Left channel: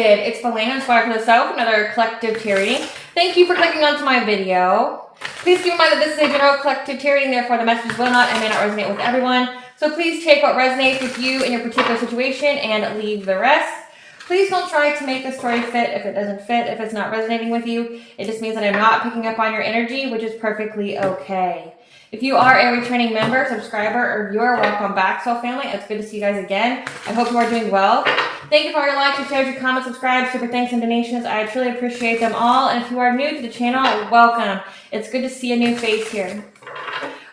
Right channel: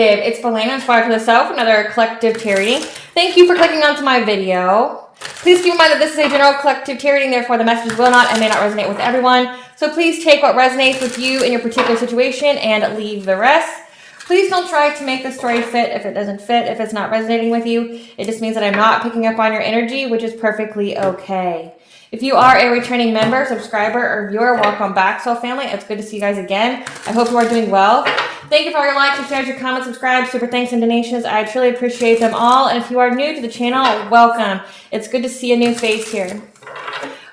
Collective, it's Belena, aspiraltotheself, another collective tarot reading. Thank you for clicking onto my video. Please keep in mind that this is a general collective tarot reading, therefore the messages will not and may not resonate with everyone. So please take what resonates with you in your particular situation and leave the rest. Please don't try to make the story fit if it doesn't fit, if it's not resonating with you. It just means that I'm not picking up on your energy, which is perfectly okay. If you are a returning member, subscriber, or viewer, welcome back, Soul Family. It's good to see you guys again. I hope you are doing well. Thank you for all your likes, your shares, your comments, subscribe, super thanks, and donations. I truly appreciate them all. And if you are new to the channel, welcome. It's good to see a new face here.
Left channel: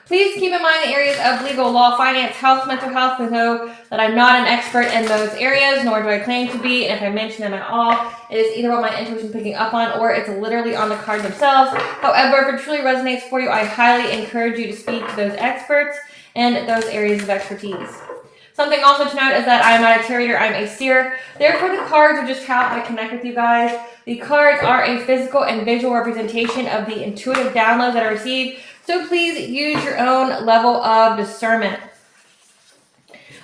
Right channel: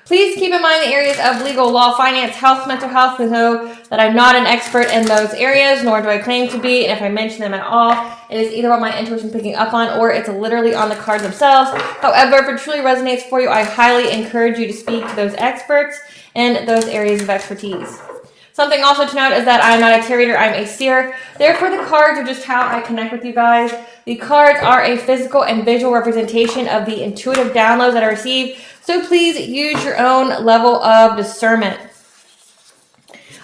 Please keep in mind the areas of legal, law, finance, health, mental health. Please know that I'm not an expert in those areas, nor do I claim to be. And if I mention them at all, it is either what my intuition is picking up on or it's literally on the cards themselves. However, if it truly resonates for you, I highly encourage you to speak to those experts in those areas of expertise. Something also to note is that I'm not a tarot reader, I'm a seer. Therefore, the cards are just how I connect with you guys. The cards are a physical and visual representation of the intuitive downloads that I receive. So please use your own level of discernment.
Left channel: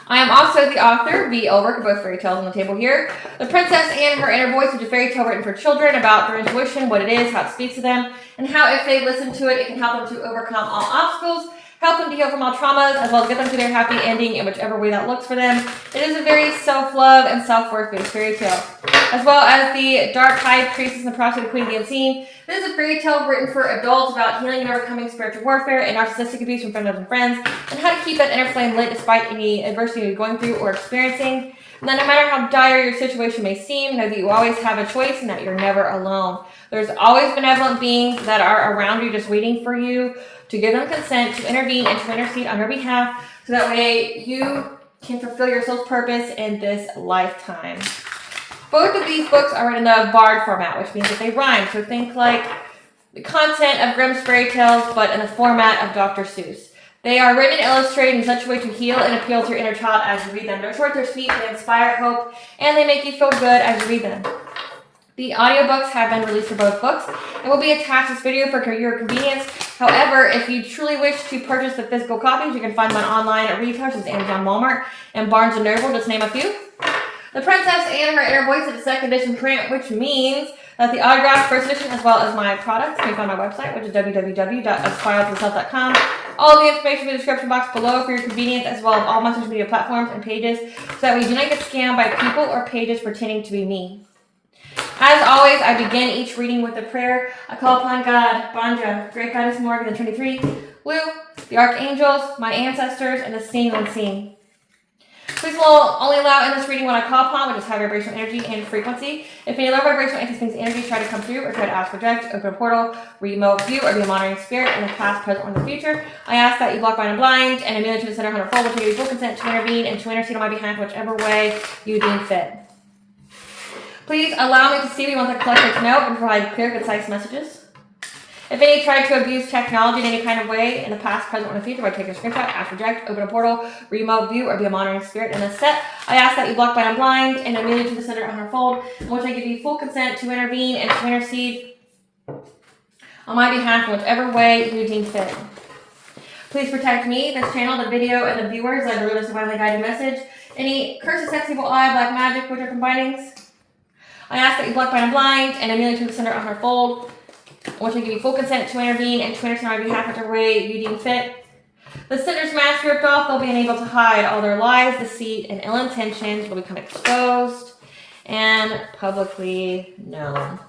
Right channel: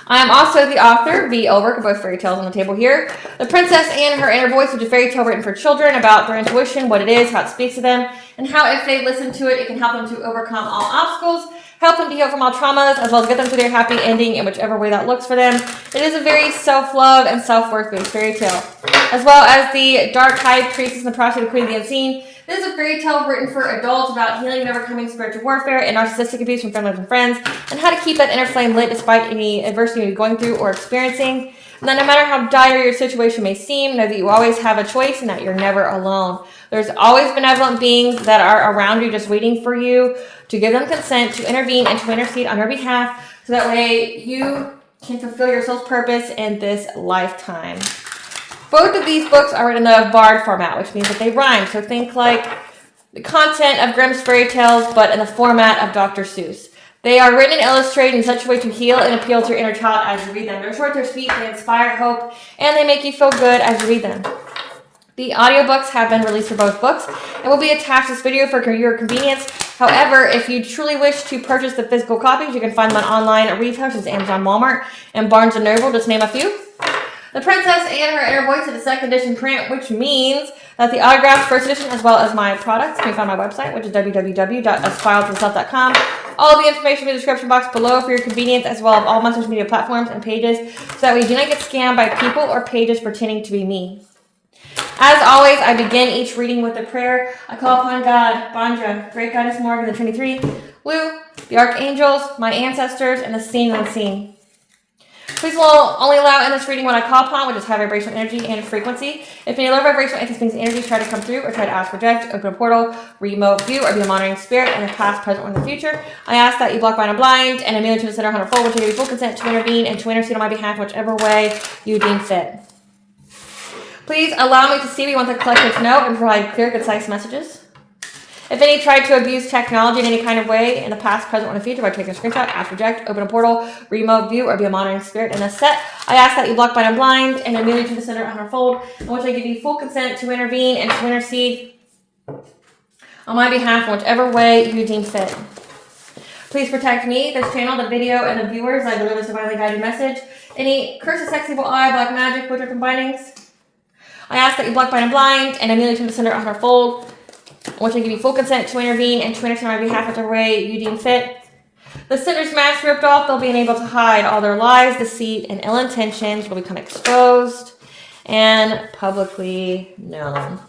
I am also the author, the work of both fairy tales on the table here. The Princess and Her Inner Voice, which is a fairy tale written for children about their intuition, what it is, how it speaks to them, and how if they listen to it, it can help them to overcome all obstacles, help them to heal from all traumas, as well as get them to their happy ending in whichever way that looks for them. It is a very self-love and self-worth based fairy tale. As well as the Dark High Priestess and the Prostitute Queen of the Unseen. This is a fairy tale written for adults about healing and overcoming spiritual warfare and narcissistic abuse from family and friends, and how to keep that inner flame lit despite any adversity you're going through or experiencing. And then no matter how dire your situation may seem, know that you always have a choice and that you're never alone. There's always benevolent beings that are around you just waiting for you to give them consent to intervene and to intercede on your behalf so that way you can fulfill your soul's purpose in this lifetime. Both of these books are written in the bard format, which means that they rhyme. So think like the content of Grimm's fairy tales, but in the format of Dr. Seuss. They are written and illustrated in such a way to heal and appeal to your inner child as you read them. They're short, they're sweet, they inspire hope, and they make you feel good as you read them. The audiobooks have been released for both books and will be attached to this video for your convenience. However, if you truly wish to purchase the physical copies, you can find them online at retail, such as Amazon, Walmart, and Barnes & Noble, just to name a few. The Princess and Her Inner Voice is a second edition print, which means that the autographed first edition, as well as my products, can be found on my website, which is www.aspiraltotheself.com. All the information in the description box below for your convenience, as well as all my social media platforms and pages, so that we do not get scammed by people or pages pretending to be me. As always, I begin each reading with a prayer. I call upon God, Banja, Great Goddess Morgan, the Trinity 3, Lou, the Archangels, my ancestors, and the seen and unseen. Please will only allow in this reading what I call upon, which is high vibrational energy and frequency. If any low vibrational anti-things energies try to come through or try to ask, project, open a portal, remote view, or be a monitoring spirit in the past, present, or in the future, I ask that you block, bind, and blind, and immediately to the center 100-fold, which will give you full consent to intervene and to intercede on my behalf, whichever way you deem fit. Please allow me to see what you want the collective to know and provide clear, concise messages. If any tried to abuse technology in any kind of way in the past, present, or in the future, by taking a screenshot, ask, project, open a portal, remote view, or be a monitoring spirit in this set, I ask that you block, bind, and blind, and immediately to the center 100-fold, in which I give you full consent to intervene and to intercede on my behalf in whichever way you deem fit. Please protect me, this channel, the video, and the viewers. I deliver this divinely guided message. Any curses, sex, evil eye, black magic, witchcraft combinings, I ask that you block, bind, and blind, and immediately to the center 100-fold, which I give you full consent to intervene and to intercede on my behalf whichever way you deem fit. The sinner's mask ripped off, they'll be unable to hide. All their lies, deceit, and ill intentions will become exposed and publicly known.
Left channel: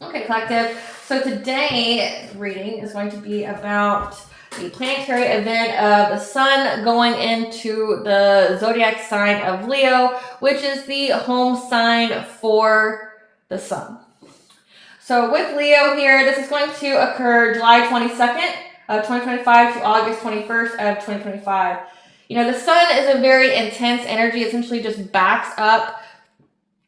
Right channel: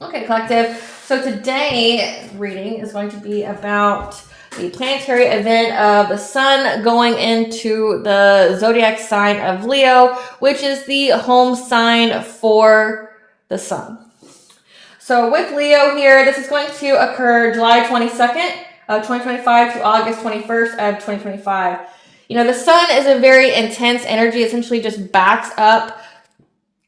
Okay, collective. So today's reading is going to be about the planetary event of the sun going into the zodiac sign of Leo, which is the home sign for the sun. So with Leo here, this is going to occur July 22nd of 2025 to August 21st of 2025. You know, the sun is a very intense energy, essentially just backs up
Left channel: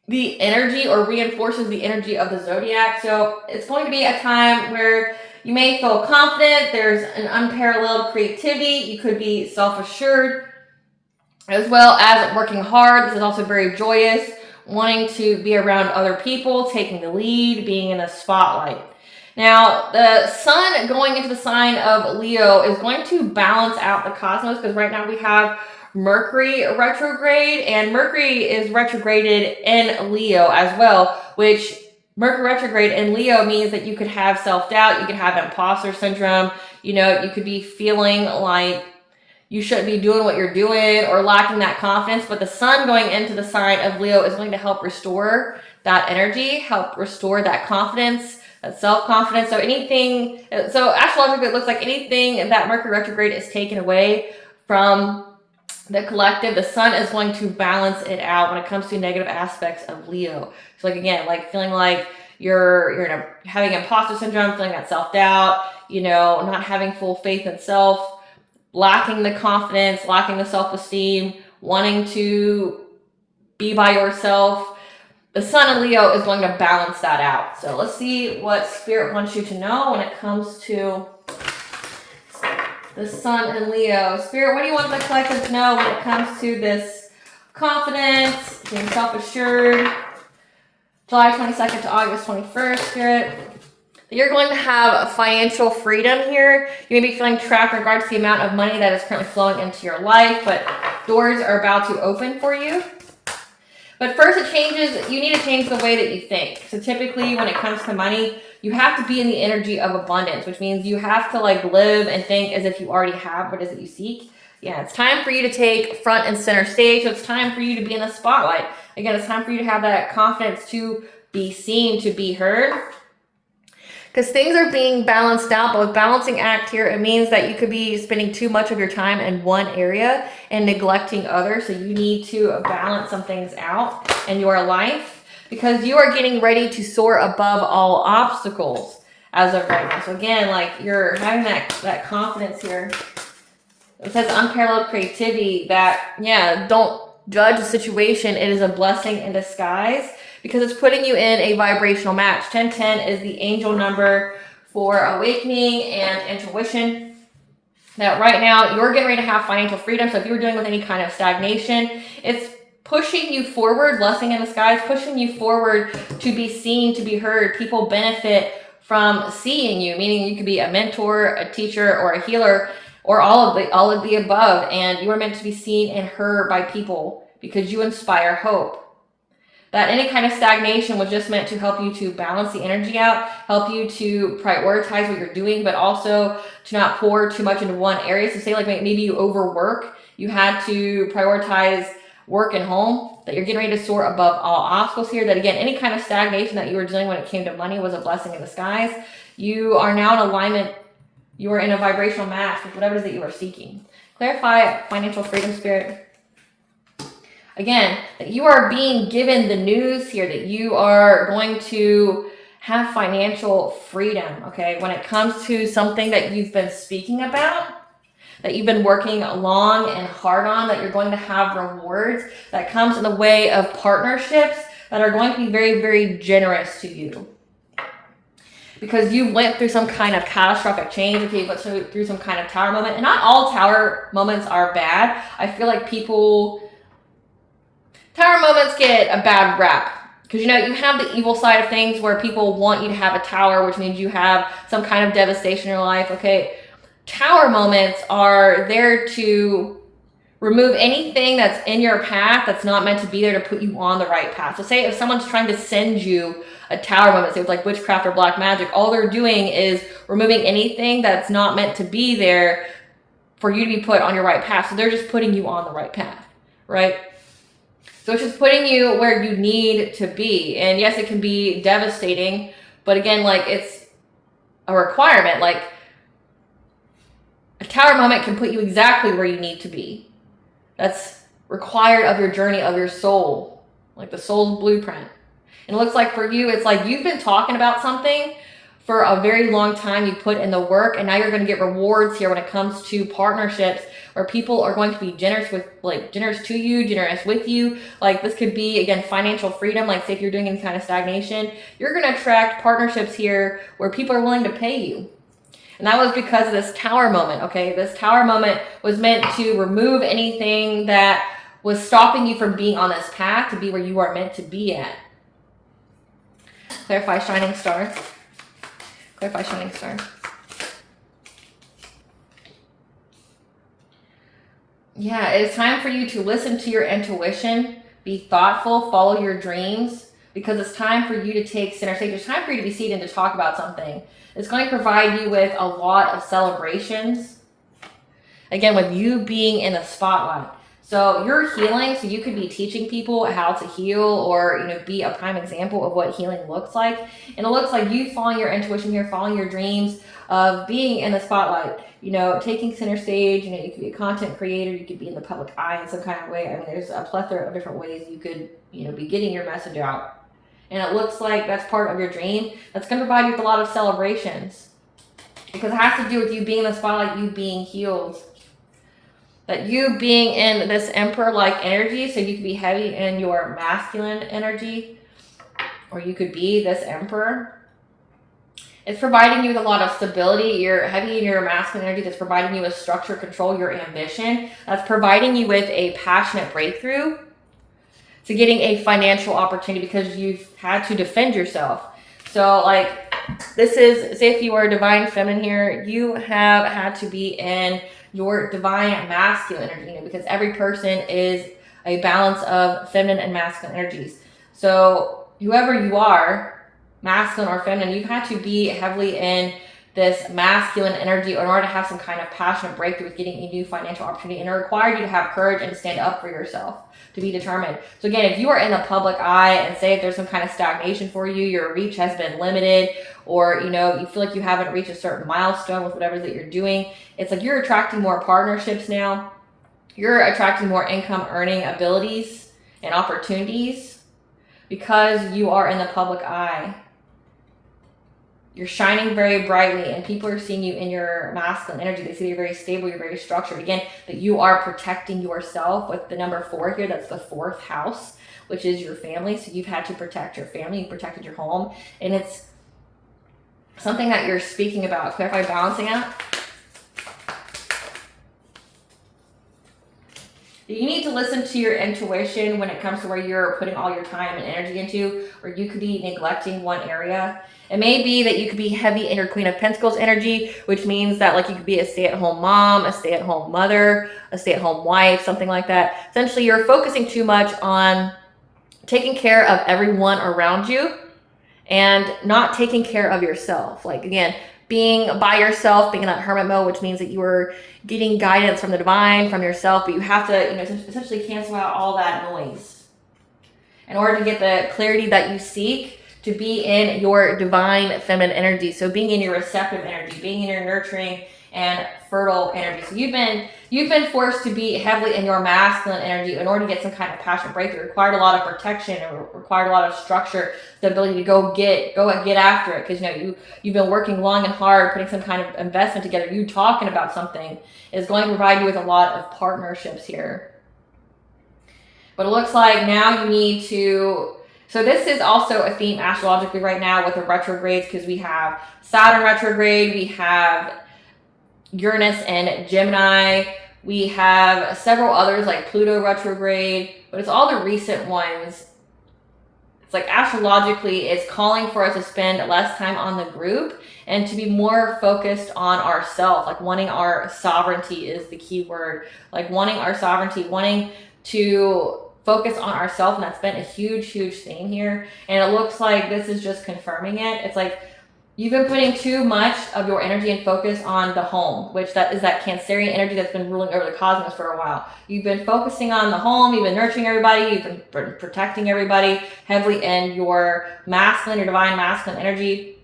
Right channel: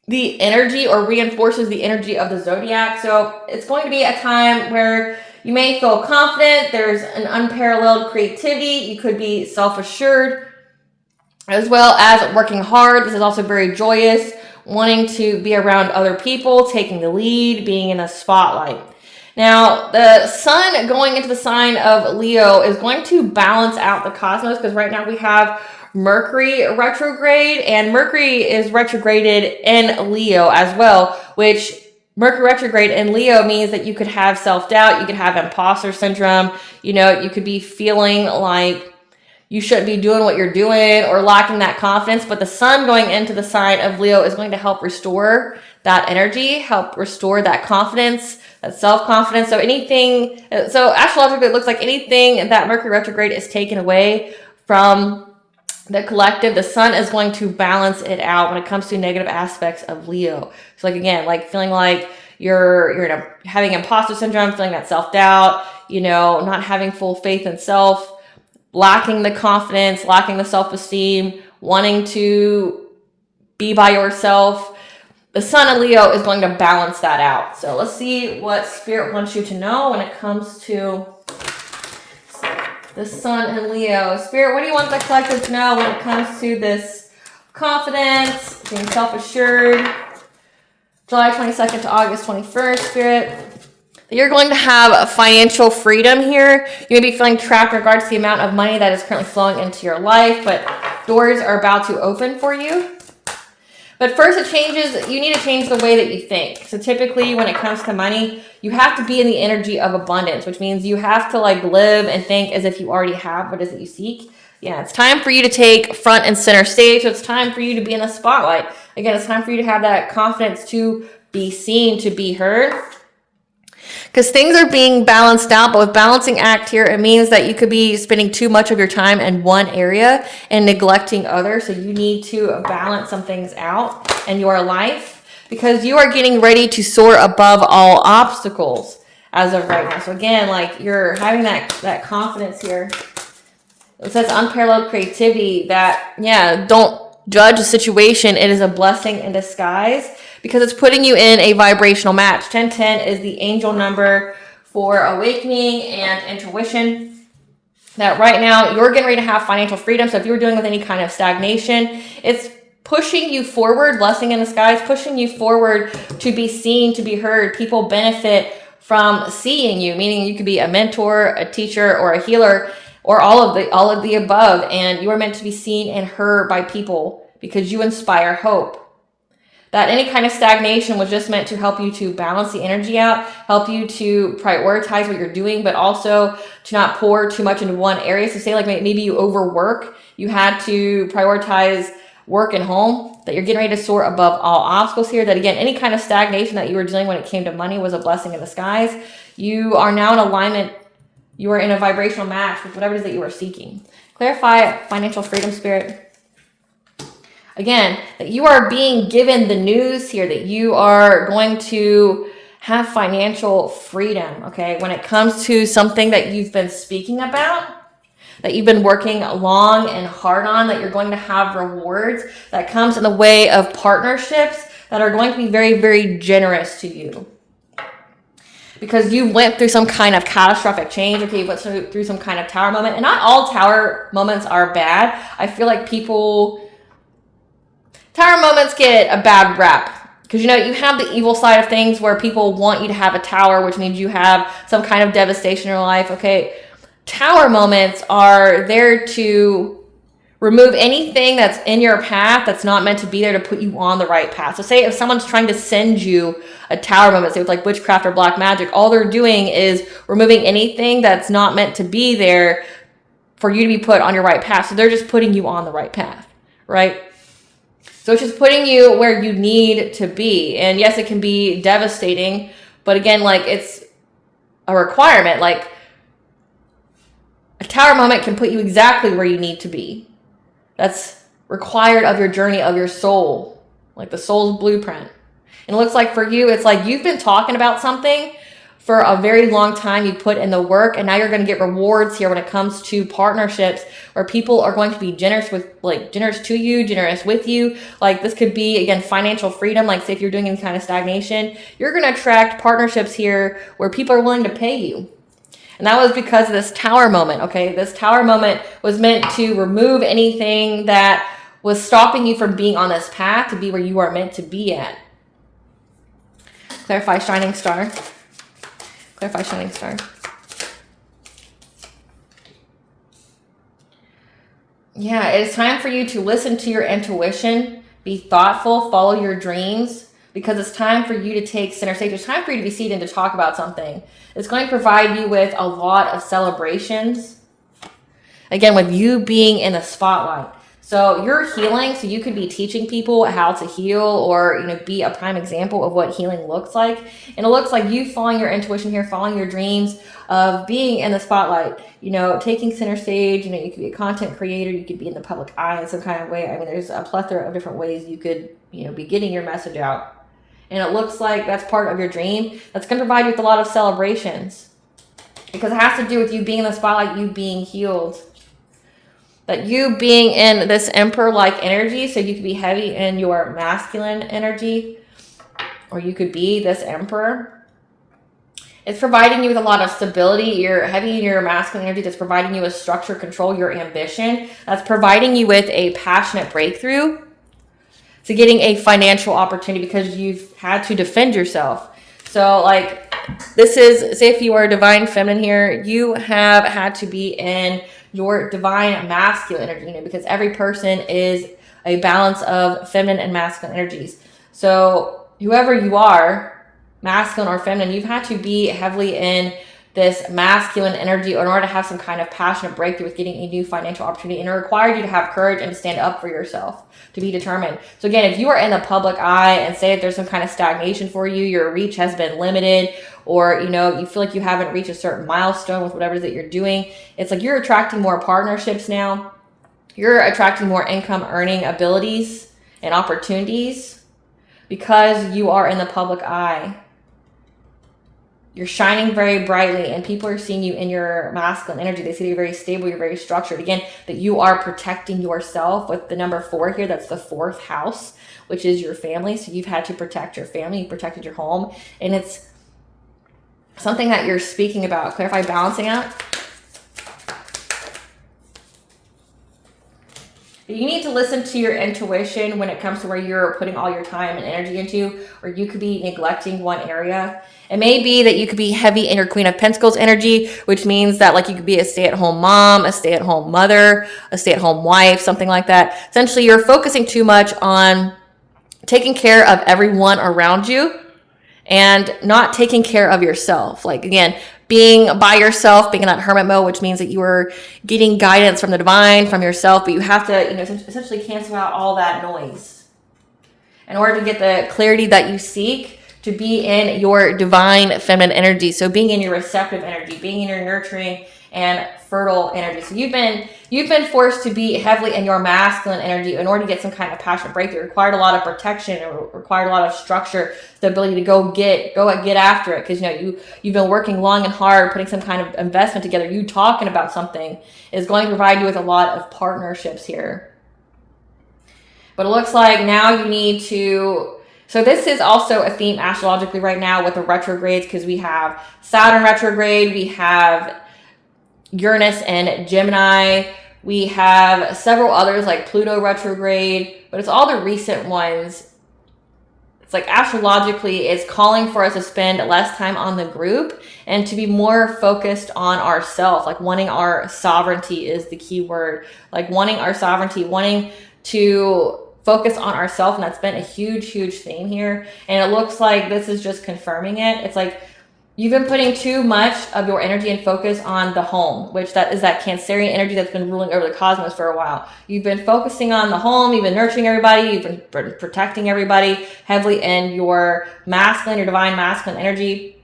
the energy or reinforces the energy of the zodiac. So it's going to be a time where you may feel confident. There's an unparalleled creativity. You could be self-assured, as well as working hard. This is also very joyous, wanting to be around other people, taking the lead, being in a spotlight. Now, the sun going into the sign of Leo is going to balance out the cosmos, because right now we have Mercury retrograde, and Mercury is retrograded in Leo as well, which Mercury retrograde in Leo means that you could have self-doubt, you could have imposter syndrome, you know, you could be feeling like you shouldn't be doing what you're doing or lacking that confidence. But the sun going into the sign of Leo is going to help restore that energy, help restore that confidence, that self-confidence. So astrologically, it looks like anything that Mercury retrograde is taken away from the collective, the sun is going to balance it out when it comes to negative aspects of Leo. So like, again, like feeling like you're having imposter syndrome, feeling that self-doubt, you know, not having full faith in self, lacking the confidence, lacking the self-esteem, wanting to be by yourself. The sun in Leo is going to balance that out. So let's see what Spirit wants you to know when it comes to the sun in Leo. Spirit, what do you want the collective to know when it comes to this confidence, being self-assured? July 22nd to August 21st, Spirit. You're going to have financial freedom here. You may be feeling trapped in regards to the amount of money that is currently flowing into your life, but doors are about to open for you. But first you need to change the way that you think. So typically when it comes to money, you have to be in the energy of abundance, which means you have to like live and think as if you already have what it is that you seek. Yeah, it's time for you to take front and center stage. So it's time for you to be in the spotlight. Again, it's time for you to have that confidence to be seen, to be heard. Because things are being balanced out, but with balancing act here, it means that you could be spending too much of your time in one area and neglecting others. So you need to balance some things out in your life because you are getting ready to soar above all obstacles as of right now. So again, like you're having that confidence here. It says unparalleled creativity that, yeah, don't judge a situation. It is a blessing in disguise, because it's putting you in a vibrational match. 1010 is the angel number for awakening and intuition. That right now, you're getting ready to have financial freedom. So if you were dealing with any kind of stagnation, it's pushing you forward, blessing in the skies, pushing you forward to be seen, to be heard. People benefit from seeing you, meaning you could be a mentor, a teacher, or a healer, or all of the above. And you are meant to be seen and heard by people because you inspire hope. That any kind of stagnation was just meant to help you to balance the energy out, help you to prioritize what you're doing, but also to not pour too much into one area. So say like maybe you overwork, you had to prioritize work and home, that you're getting ready to soar above all obstacles here. That again, any kind of stagnation that you were dealing when it came to money was a blessing in disguise. You are now in alignment. You are in a vibrational match with whatever it is that you are seeking. Clarify financial freedom, Spirit. Again, that you are being given the news here that you are going to have financial freedom, okay? When it comes to something that you've been speaking about, that you've been working long and hard on, that you're going to have rewards that comes in the way of partnerships that are going to be very, very generous to you. Because you went through some kind of catastrophic change, okay? You went through some kind of tower moment. And not all tower moments are bad. I feel like tower moments get a bad rap because, you know, you have the evil side of things where people want you to have a tower, which means you have some kind of devastation in your life. Okay, tower moments are there to remove anything that's in your path that's not meant to be there to put you on the right path. So say if someone's trying to send you a tower moment, say with like witchcraft or black magic, all they're doing is removing anything that's not meant to be there for you to be put on your right path. So they're just putting you on the right path, right? So it's just putting you where you need to be. And yes, it can be devastating, but again, like it's a requirement. Like a tower moment can put you exactly where you need to be. That's required of your journey, of your soul, like the soul's blueprint. And it looks like for you, it's like you've been talking about something for a very long time. You put in the work, and now you're going to get rewards here when it comes to partnerships where people are going to be generous to you, generous with you. Like this could be, again, financial freedom. Like say if you're doing any kind of stagnation, you're going to attract partnerships here where people are willing to pay you. And that was because of this tower moment, okay? This tower moment was meant to remove anything that was stopping you from being on this path to be where you are meant to be at. Clarify shining star. Clarify shining star. Yeah, it's time for you to listen to your intuition, be thoughtful, follow your dreams, because it's time for you to take center stage. It's time for you to be seated and to talk about something. It's going to provide you with a lot of celebrations. Again, with you being in the spotlight. So you're healing, so you could be teaching people how to heal, or be a prime example of what healing looks like. And it looks like you following your intuition here, following your dreams of being in the spotlight, taking center stage. You could be a content creator, you could be in the public eye in some kind of way. I mean, there's a plethora of different ways you could, be getting your message out. And it looks like that's part of your dream. That's going to provide you with a lot of celebrations, because it has to do with you being in the spotlight, you being healed. That you being in this emperor-like energy, so you could be heavy in your masculine energy, or you could be this emperor. It's providing you with a lot of stability. You're heavy in your masculine energy. That's providing you with structure, control, your ambition. That's providing you with a passionate breakthrough to getting a financial opportunity, because you've had to defend yourself. So like, this is, say if you are divine feminine here, you have had to be in your divine masculine energy, because every person is a balance of feminine and masculine energies. So whoever you are, masculine or feminine, you've had to be heavily in this masculine energy in order to have some kind of passionate breakthrough with getting a new financial opportunity. And it required you to have courage and to stand up for yourself, to be determined. So again, if you are in the public eye and say that there's some kind of stagnation for you, your reach has been limited, or you feel like you haven't reached a certain milestone with whatever that you're doing, it's like you're attracting more partnerships now. You're attracting more income earning abilities and opportunities because you are in the public eye. You're shining very brightly, and people are seeing you in your masculine energy. They see that you're very stable, you're very structured. Again, that you are protecting yourself with the number 4 here. That's the 4th house, which is your family. So you've had to protect your family, you protected your home. And it's something that you're speaking about. Clarify balancing out. You need to listen to your intuition when it comes to where you're putting all your time and energy into, or you could be neglecting one area. It may be that you could be heavy in your Queen of Pentacles energy, which means that like you could be a stay-at-home mom, a stay-at-home mother, a stay-at-home wife, something like that. Essentially, you're focusing too much on taking care of everyone around you and not taking care of yourself. Like, again, being by yourself, being in that hermit mode, which means that you are getting guidance from the divine, from yourself, but you have to, essentially cancel out all that noise in order to get the clarity that you seek to be in your divine feminine energy. So being in your receptive energy, being in your nurturing and fertile energy. So you've been forced to be heavily in your masculine energy in order to get some kind of passionate breakthrough. It required a lot of protection, it required a lot of structure, the ability to go get after it. Because you've been working long and hard, putting some kind of investment together. You talking about something is going to provide you with a lot of partnerships here. But it looks like now you need to. So this is also a theme astrologically right now with the retrogrades, because we have Saturn retrograde, we have Uranus and Gemini, we have several others like Pluto retrograde, but it's all the recent ones. It's like astrologically, it's calling for us to spend less time on the group and to be more focused on ourselves. Like wanting our sovereignty is the key word. Like wanting our sovereignty, wanting to focus on ourselves, and that's been a huge theme here. And it looks like this is just confirming it. It's like you've been putting too much of your energy and focus on the home, which that is that Cancerian energy that's been ruling over the cosmos for a while. You've been focusing on the home, you've been nurturing everybody, you've been protecting everybody heavily in your masculine, your divine masculine energy.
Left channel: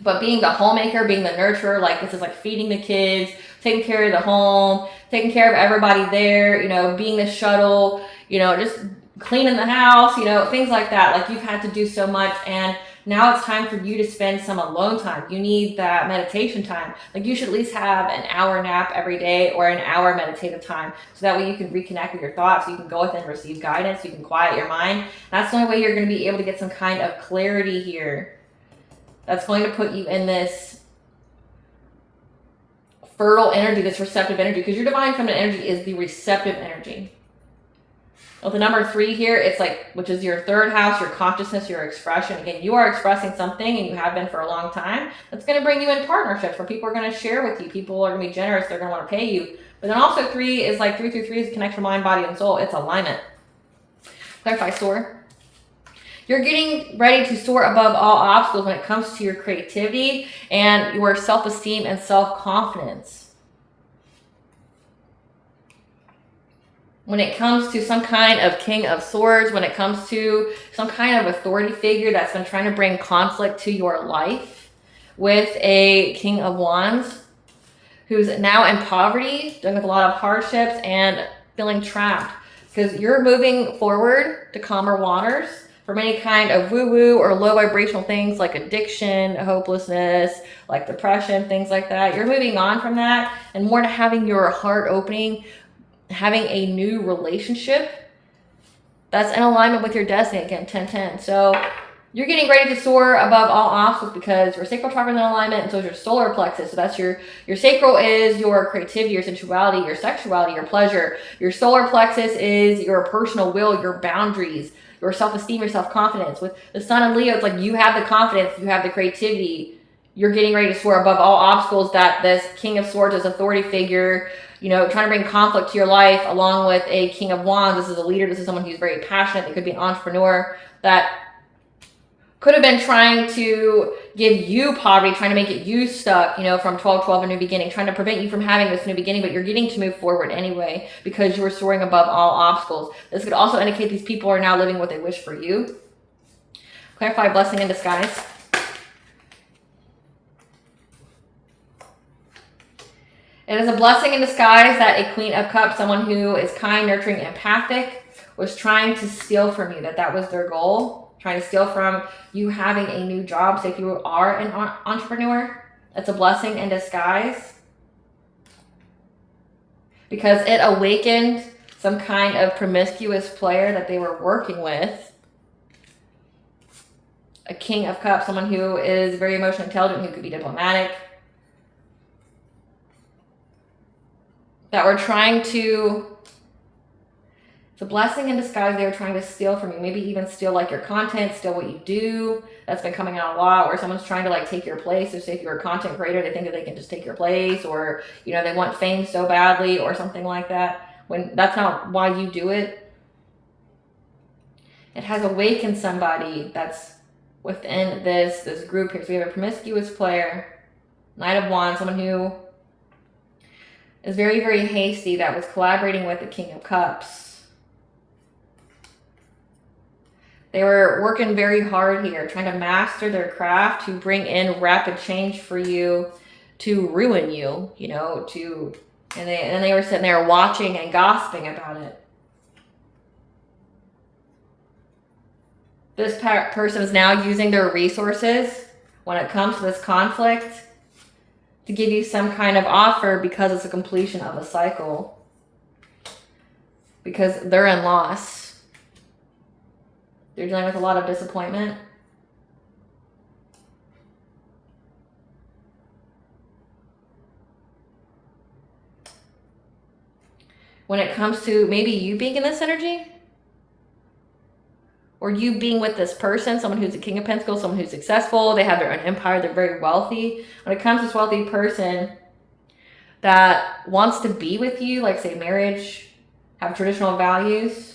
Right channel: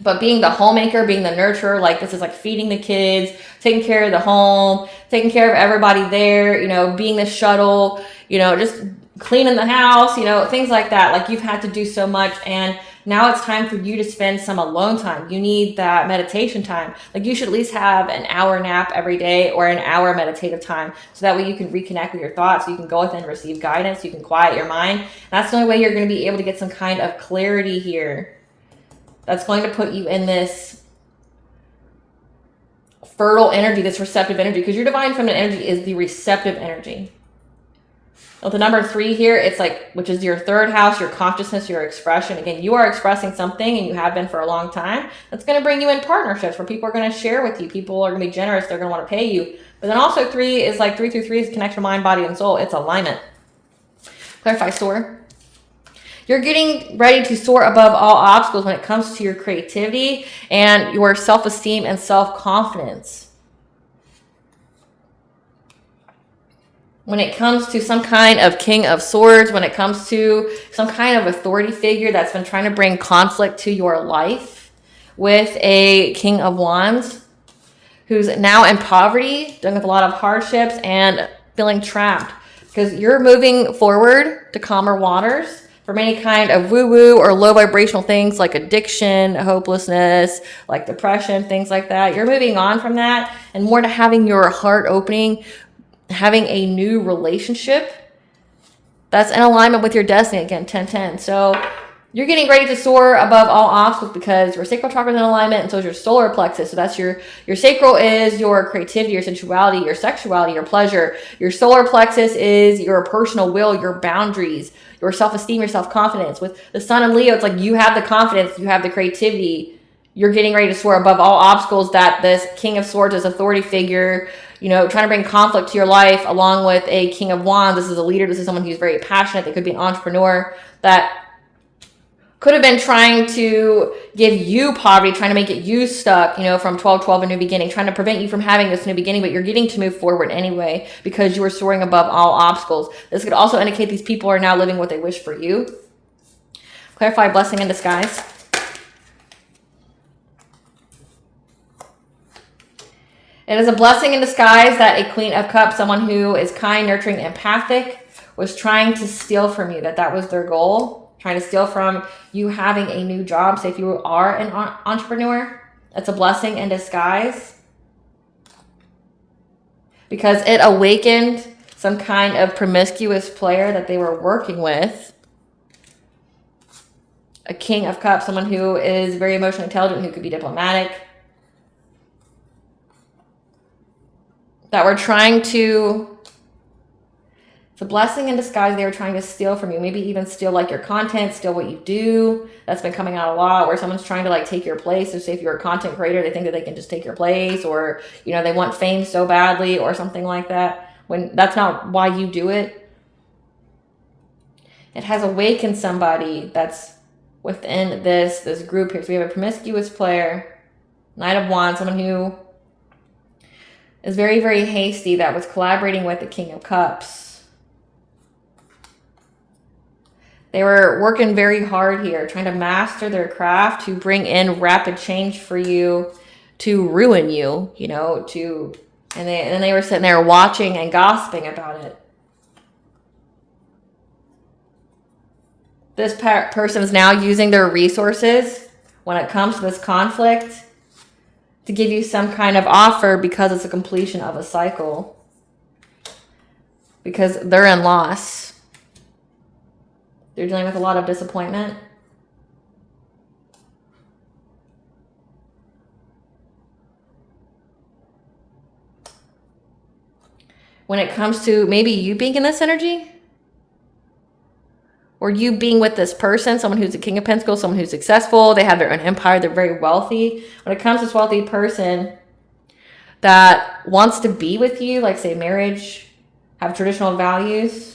But being the homemaker, being the nurturer, like this is like feeding the kids, taking care of the home, taking care of everybody there, being the shuttle, just cleaning the house, things like that. Like you've had to do so much, and now it's time for you to spend some alone time. You need that meditation time. Like you should at least have an hour nap every day or an hour meditative time, so that way you can reconnect with your thoughts, you can go within and receive guidance, you can quiet your mind. And that's the only way you're going to be able to get some kind of clarity here. That's going to put you in this fertile energy, this receptive energy, because your divine feminine energy is the receptive energy. With the number 3 here, it's like, which is your 3rd house, your consciousness, your expression. Again, you are expressing something, and you have been for a long time. That's going to bring you in partnerships where people are going to share with you. People are going to be generous. They're going to want to pay you. But But then also 3 is like 3 through 3 is connection, mind, body, and soul. It's alignment. Clarify, soar. You're getting ready to soar above all obstacles when it comes to your creativity and your self-esteem and self-confidence. When it comes to some kind of King of Swords, when it comes to some kind of authority figure that's been trying to bring conflict to your life, with a King of Wands who's now in poverty, dealing with a lot of hardships and feeling trapped, because you're moving forward to calmer waters from any kind of woo-woo or low vibrational things like addiction, hopelessness, like depression, things like that. You're moving on from that and more to having your heart opening, having a new relationship that's in alignment with your destiny. Again, 10-10. So you're getting ready to soar above all obstacles because your sacral chakra is in alignment, and so is your solar plexus. So that's your sacral is your creativity, your sensuality, your sexuality, your pleasure. Your solar plexus is your personal will, your boundaries, your self-esteem, your self-confidence. With the sun and Leo, it's like you have the confidence, you have the creativity. You're getting ready to soar above all obstacles that this King of Swords, this authority figure, you know, trying to bring conflict to your life, along with a King of Wands. This is a leader. This is someone who's very passionate. They could be an entrepreneur that could have been trying to give you poverty, trying to make it you stuck, you know, from 12-12, a new beginning, trying to prevent you from having this new beginning, but you're getting to move forward anyway because you were soaring above all obstacles. This could also indicate these people are now living what they wish for you. Clarify, blessing in disguise. It is a blessing in disguise that a Queen of Cups, someone who is kind, nurturing, empathic, was trying to steal from you, that was their goal. Trying to steal from you having a new job. So if you are an entrepreneur, it's a blessing in disguise because it awakened some kind of promiscuous player that they were working with. A King of Cups, someone who is very emotionally intelligent, who could be diplomatic, that were trying to, it's a blessing in disguise. They were trying to steal from you, maybe even steal like your content, steal what you do. That's been coming out a lot, where someone's trying to like take your place. So say if you're a content creator, they think that they can just take your place, or, you know, they want fame so badly or something like that, when that's not why you do it. It has awakened somebody that's within this group here. So we have a promiscuous player, Knight of Wands, someone who is very, very hasty, that was collaborating with the King of Cups. They were working very hard here, trying to master their craft to bring in rapid change for you, to ruin you, you know, and they were sitting there watching and gossiping about it. This person is now using their resources when it comes to this conflict to give you some kind of offer because it's a completion of a cycle. Because they're in loss. They're dealing with a lot of disappointment. When it comes to maybe you being in this energy, or you being with this person, someone who's a King of Pentacles, someone who's successful, they have their own empire, they're very wealthy. When it comes to this wealthy person that wants to be with you, like say marriage, have traditional values,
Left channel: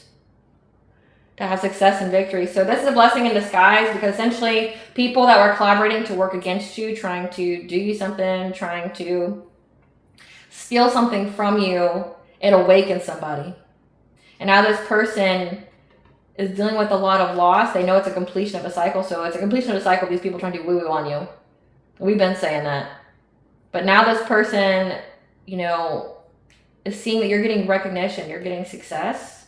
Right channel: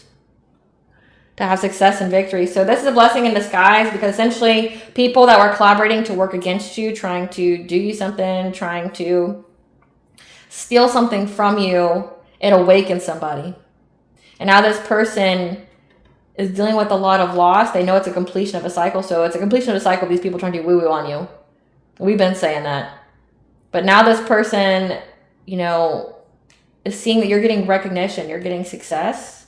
to have success and victory. So this is a blessing in disguise, because essentially people that were collaborating to work against you, trying to do you something, trying to steal something from you, it awakens somebody. And now this person is dealing with a lot of loss. They know it's a completion of a cycle. So it's a completion of a cycle. These people trying to woo-woo on you. We've been saying that. But now this person, you know, is seeing that you're getting recognition. You're getting success.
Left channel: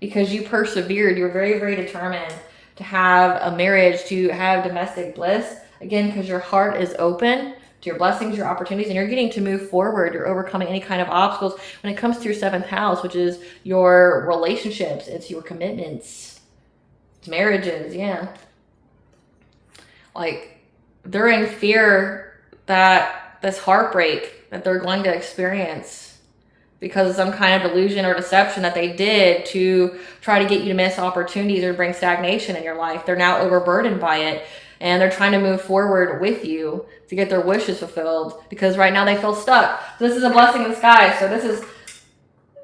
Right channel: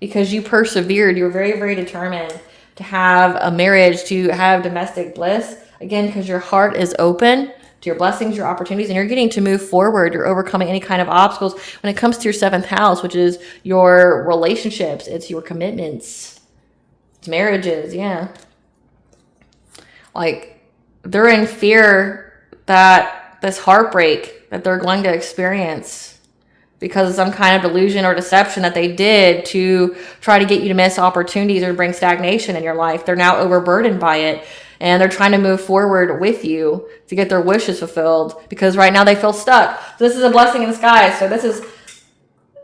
Because you persevered. You were very, very determined to have a marriage, to have domestic bliss. Again, because your heart is open to your blessings, your opportunities, and you're getting to move forward. You're overcoming any kind of obstacles. When it comes to your 7th house, which is your relationships, it's your commitments, it's marriages, yeah. Like, they're in fear that this heartbreak that they're going to experience because of some kind of delusion or deception that they did to try to get you to miss opportunities or bring stagnation in your life. They're now overburdened by it. And they're trying to move forward with you to get their wishes fulfilled because right now they feel stuck. So this is a blessing in disguise. So this is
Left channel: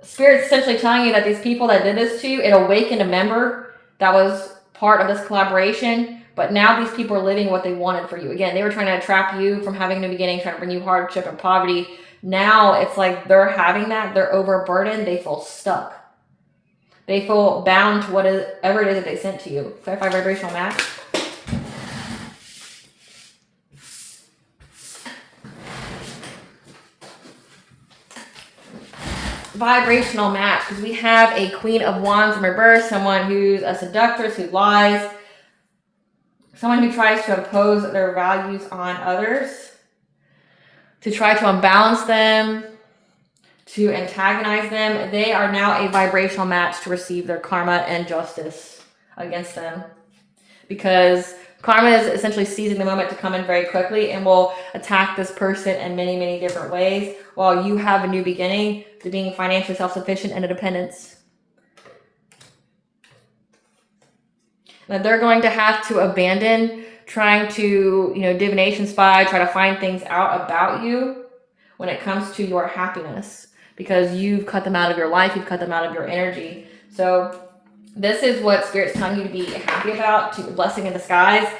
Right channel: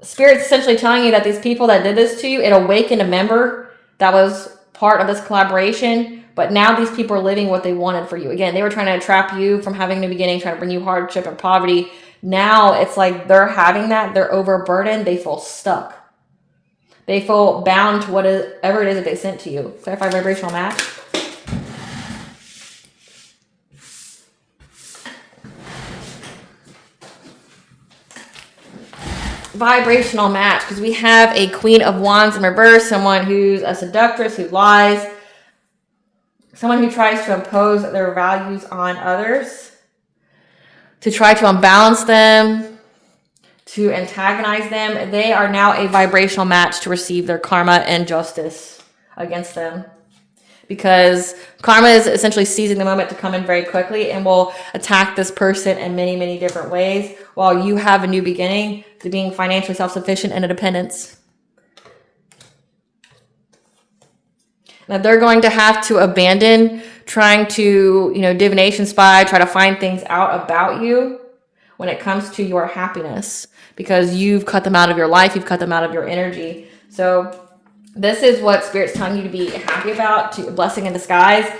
Spirit's essentially telling you that these people that did this to you, it awakened a member that was part of this collaboration. But now these people are living what they wanted for you. Again, they were trying to trap you from having a new beginning, trying to bring you hardship and poverty. Now it's like they're having that. They're overburdened. They feel stuck. They feel bound to whatever it is that they sent to you. Clarify vibrational match. Vibrational match, because we have a Queen of Wands in reverse, someone who's a seductress, who lies, someone who tries to impose their values on others, to try to unbalance them, to antagonize them. They are now a vibrational match to receive their karma and justice against them. Because karma is essentially seizing the moment to come in very quickly and will attack this person in many, many different ways while you have a new beginning to being financially self-sufficient and independence. Now they're going to have to abandon trying to, divination spy, try to find things out about you when it comes to your happiness because you've cut them out of your life, you've cut them out of your energy. So this is what Spirit's telling you to be happy about, to blessing in disguise.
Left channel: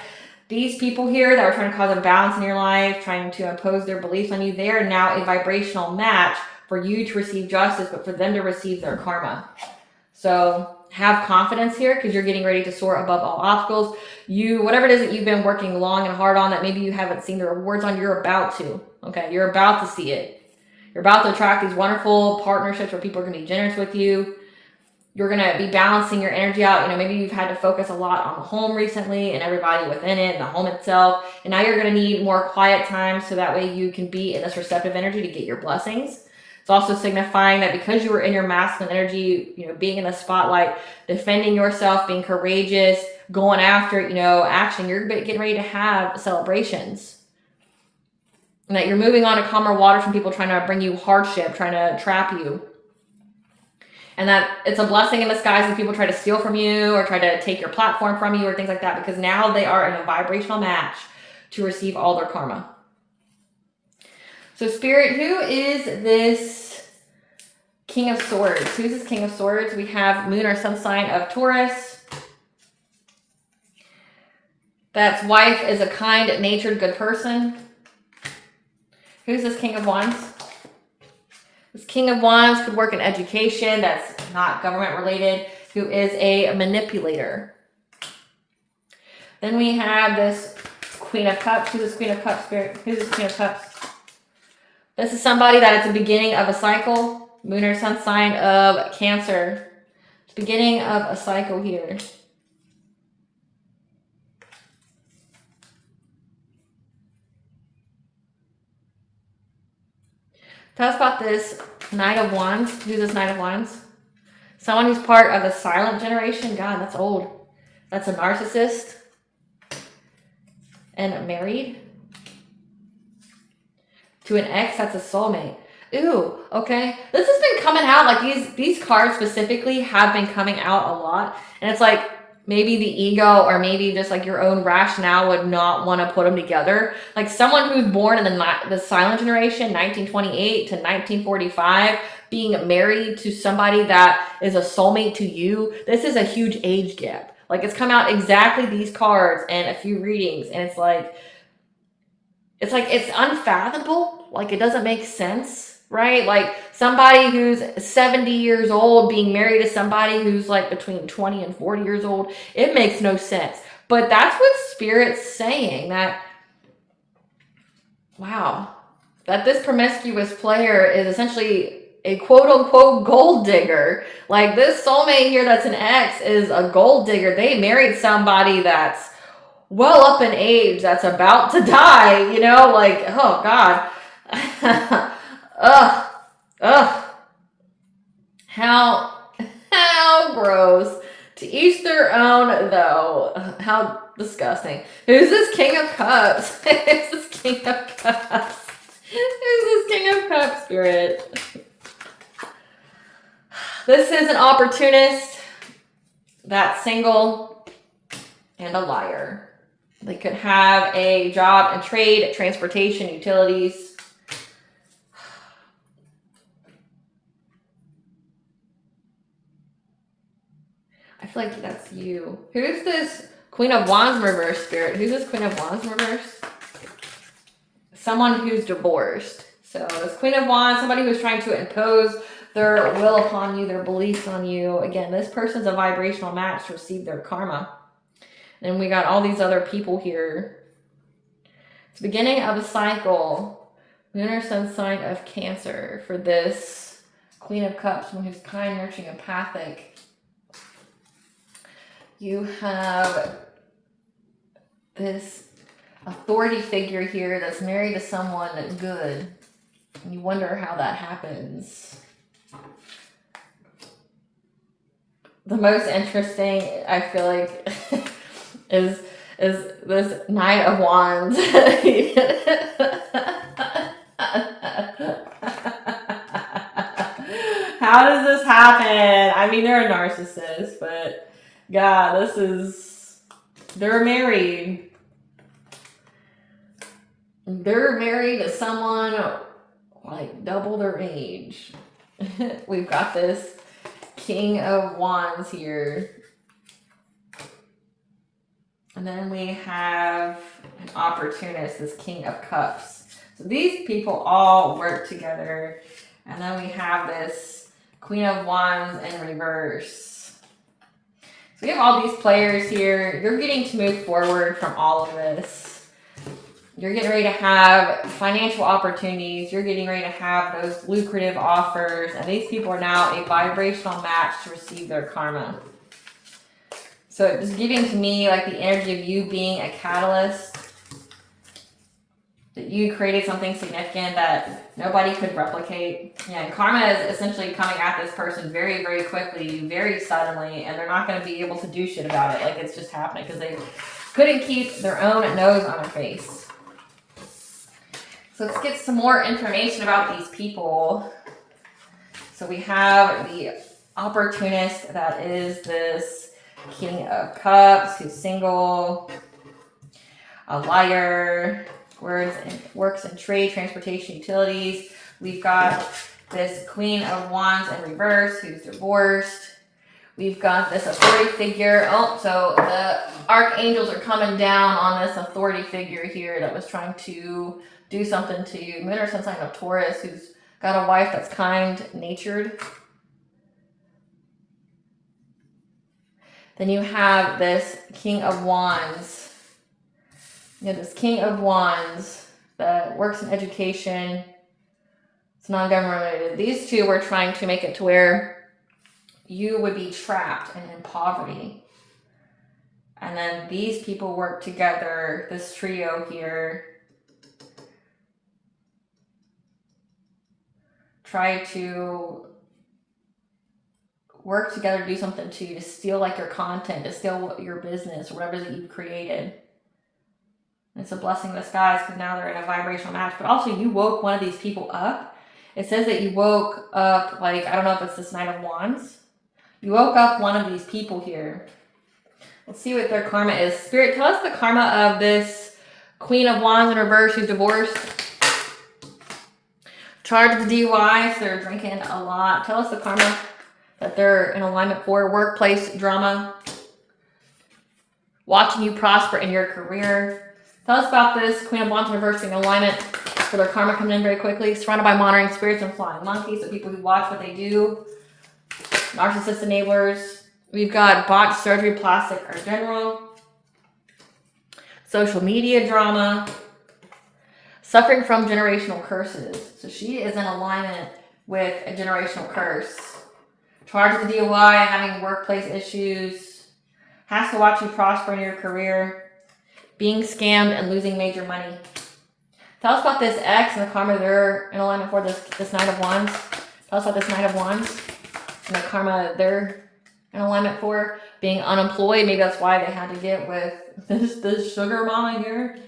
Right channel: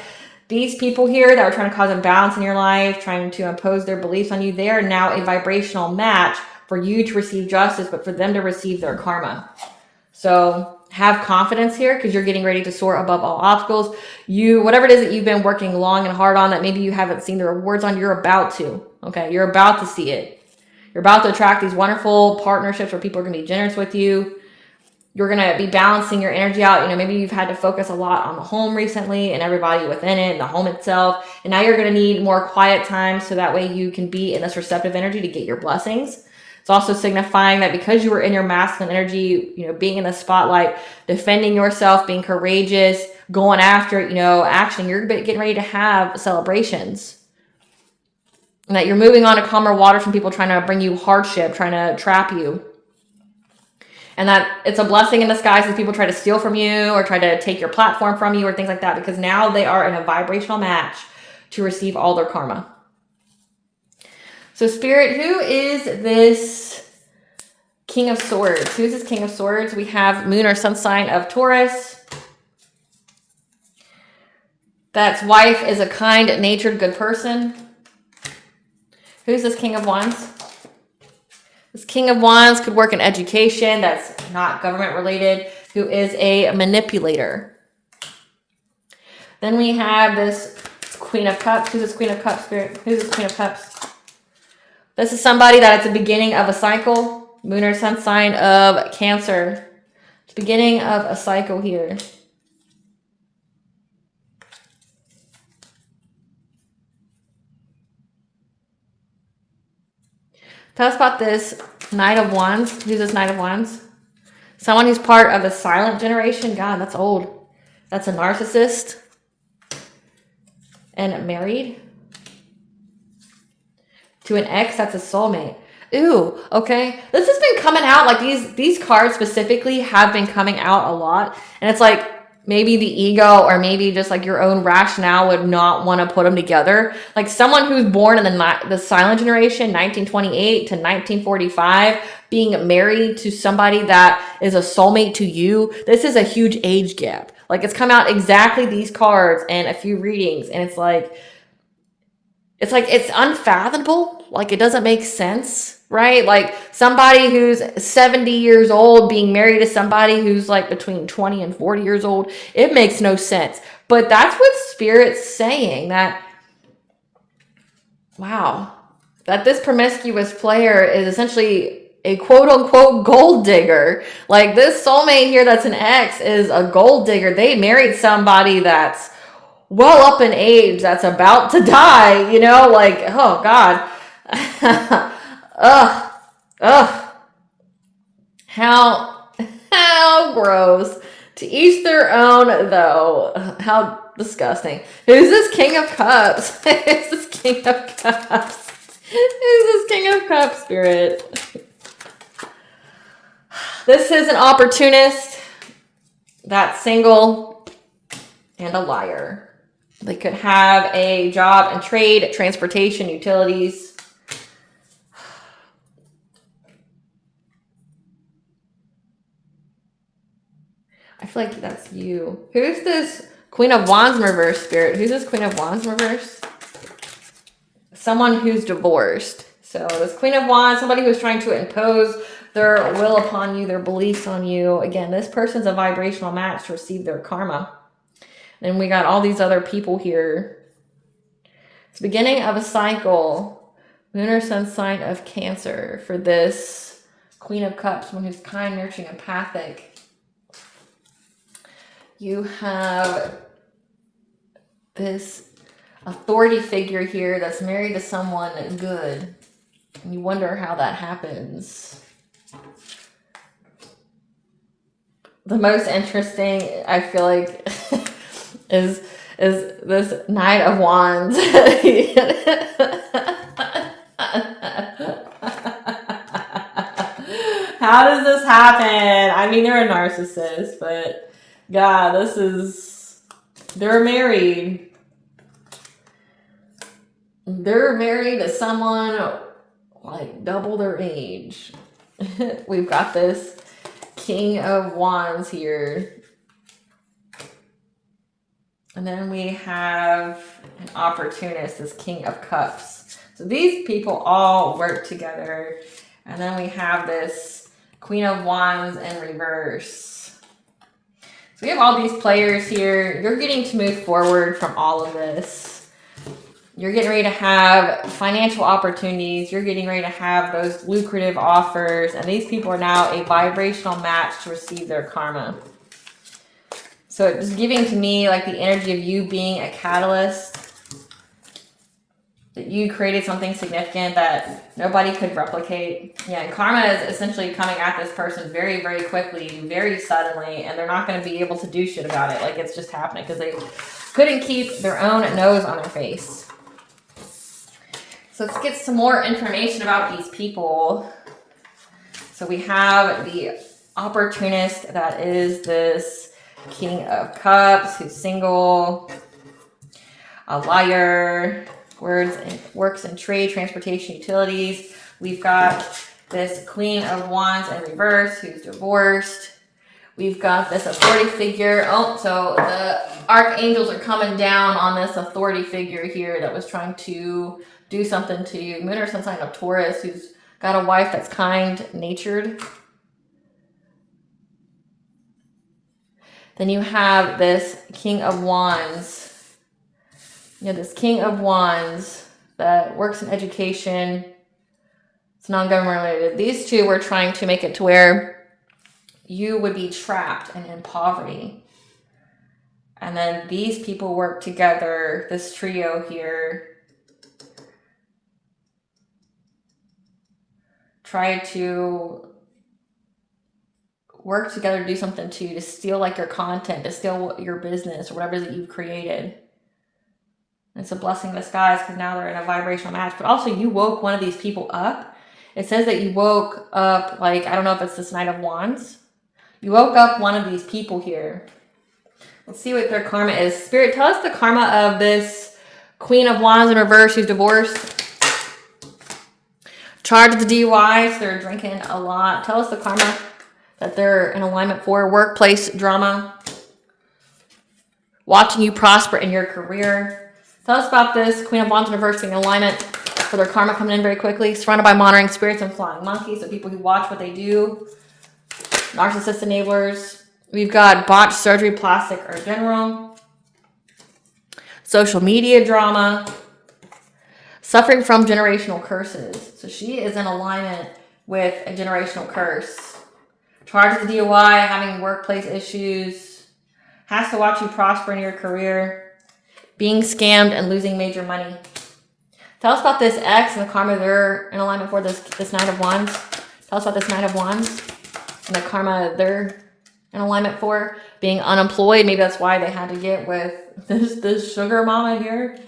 These people here that are trying to cause imbalance in your life, trying to impose their beliefs on you, they are now a vibrational match for you to receive justice, but for them to receive their karma. So have confidence here because you're getting ready to soar above all obstacles. Whatever it is that you've been working long and hard on that maybe you haven't seen the rewards on, you're about to. Okay, you're about to see it. You're about to attract these wonderful partnerships where people are going to be generous with you. You're going to be balancing your energy out. Maybe you've had to focus a lot on the home recently and everybody within it, the home itself. And now you're going to need more quiet time so that way you can be in this receptive energy to get your blessings. It's also signifying that because you were in your masculine energy, being in the spotlight, defending yourself, being courageous, going after, action, you're getting ready to have celebrations. And that you're moving on to calmer water from people trying to bring you hardship, trying to trap you. And that it's a blessing in disguise as people try to steal from you or try to take your platform from you or things like that, because now they are in a vibrational match to receive all their karma. So Spirit, who is this King of Swords? Who is this King of Swords? We have Moon or Sun sign of Taurus. That's wife is a kind-natured, good person. Who's this King of Wands? This King of Wands could work in education. That's not government related. Who is a manipulator. Then we have this Queen of Cups. Who's this Queen of Cups, Spirit? Who's this Queen of Cups? This is somebody that at the beginning of a cycle. Moon or Sun sign of Cancer. It's the beginning of a cycle here. Tell us about this Knight of Wands. Who's this Knight of Wands? Someone who's part of a silent generation. God, that's old. That's a narcissist. And married. To an ex, that's a soulmate. Ooh, okay. This has been coming out. Like these cards specifically have been coming out a lot. And it's like maybe the ego or maybe just like your own rationale would not want to put them together. Like someone who's born in the silent generation, 1928 to 1945, being married to somebody that is a soulmate to you. This is a huge age gap. Like it's come out exactly these cards and a few readings. And it's unfathomable. Like it doesn't make sense, right? Like somebody who's 70 years old being married to somebody who's like between 20 and 40 years old. It makes no sense. But that's what Spirit's saying, that, wow, that this promiscuous player is essentially a quote unquote gold digger. Like this soulmate here that's an ex is a gold digger. They married somebody that's well up in age, that's about to die, like, oh God. How gross. To each their own, though. How disgusting. Who's this King of Cups? Who's this King of Cups? Who's this King of Cups, Spirit? This is an opportunist that's single and a liar. They could have a job and trade, transportation, utilities. I feel like that's you. Who's this Queen of Wands in reverse, Spirit? Who's this Queen of Wands in reverse? Someone who's divorced. So this Queen of Wands, somebody who's trying to impose their will upon you, their beliefs on you. Again, this person's a vibrational match to receive their karma. And we got all these other people here. It's the beginning of a cycle. Lunar sun sign of Cancer for this Queen of Cups, someone who's kind, nurturing, empathic. You have this authority figure here that's married to someone good. And you wonder how that happens. The most interesting, I feel like, is this Knight of Wands. How does this happen? I mean, they're a narcissist, but yeah, they're married. They're married to someone like double their age. We've got this King of Wands here. And then we have an opportunist, this King of Cups. So these people all work together. And then we have this Queen of Wands in reverse. So we have all these players here. You're getting to move forward from all of this. You're getting ready to have financial opportunities. You're getting ready to have those lucrative offers. And these people are now a vibrational match to receive their karma. So it's giving to me like the energy of you being a catalyst. That you created something significant that nobody could replicate. Yeah, and karma is essentially coming at this person very, very quickly, very suddenly. And they're not going to be able to do shit about it. Like it's just happening because they couldn't keep their own nose on their face. So let's get some more information about these people. So we have the opportunist that is this King of Cups who's single, a liar, works in trade, transportation, utilities. We've got this Queen of Wands in reverse who's divorced. We've got this authority figure. Oh, so the archangels are coming down on this authority figure here that was trying to do something to you. Moon or sun sign of Taurus who's got a wife that's kind-natured. Then you have this King of Wands. You have this King of Wands that works in education. It's non-government related. These two were trying to make it to where you would be trapped and in poverty. And then these people work together, this trio here, try to work together to do something to you, to steal like your content, to steal your business or whatever that you've created. And it's a blessing in disguise because now they're in a vibrational match. But also you woke one of these people up. It says that you woke up, like, I don't know if it's this Knight of Wands. You woke up one of these people here. Let's see what their karma is. Spirit, tell us the karma of this Queen of Wands in reverse who's divorced. Charged with DUI, so they're drinking a lot. Tell us the karma that they're in alignment for. Workplace drama. Watching you prosper in your career. Tell us about this Queen of Wands in reverse being in alignment for their karma coming in very quickly. Surrounded by monitoring spirits and flying monkeys. So people who watch what they do. Narcissist enablers. We've got botched surgery, plastic or general. Social media drama. Suffering from generational curses. So she is in alignment with a generational curse. Charged with DUI, having workplace issues. Has to watch you prosper in your career. Being scammed and losing major money. Tell us about this ex and the karma they're in alignment for, this Knight of Wands. Tell us about this Knight of Wands and the karma they're in alignment for. Being unemployed, maybe that's why they had to get with this sugar mama here.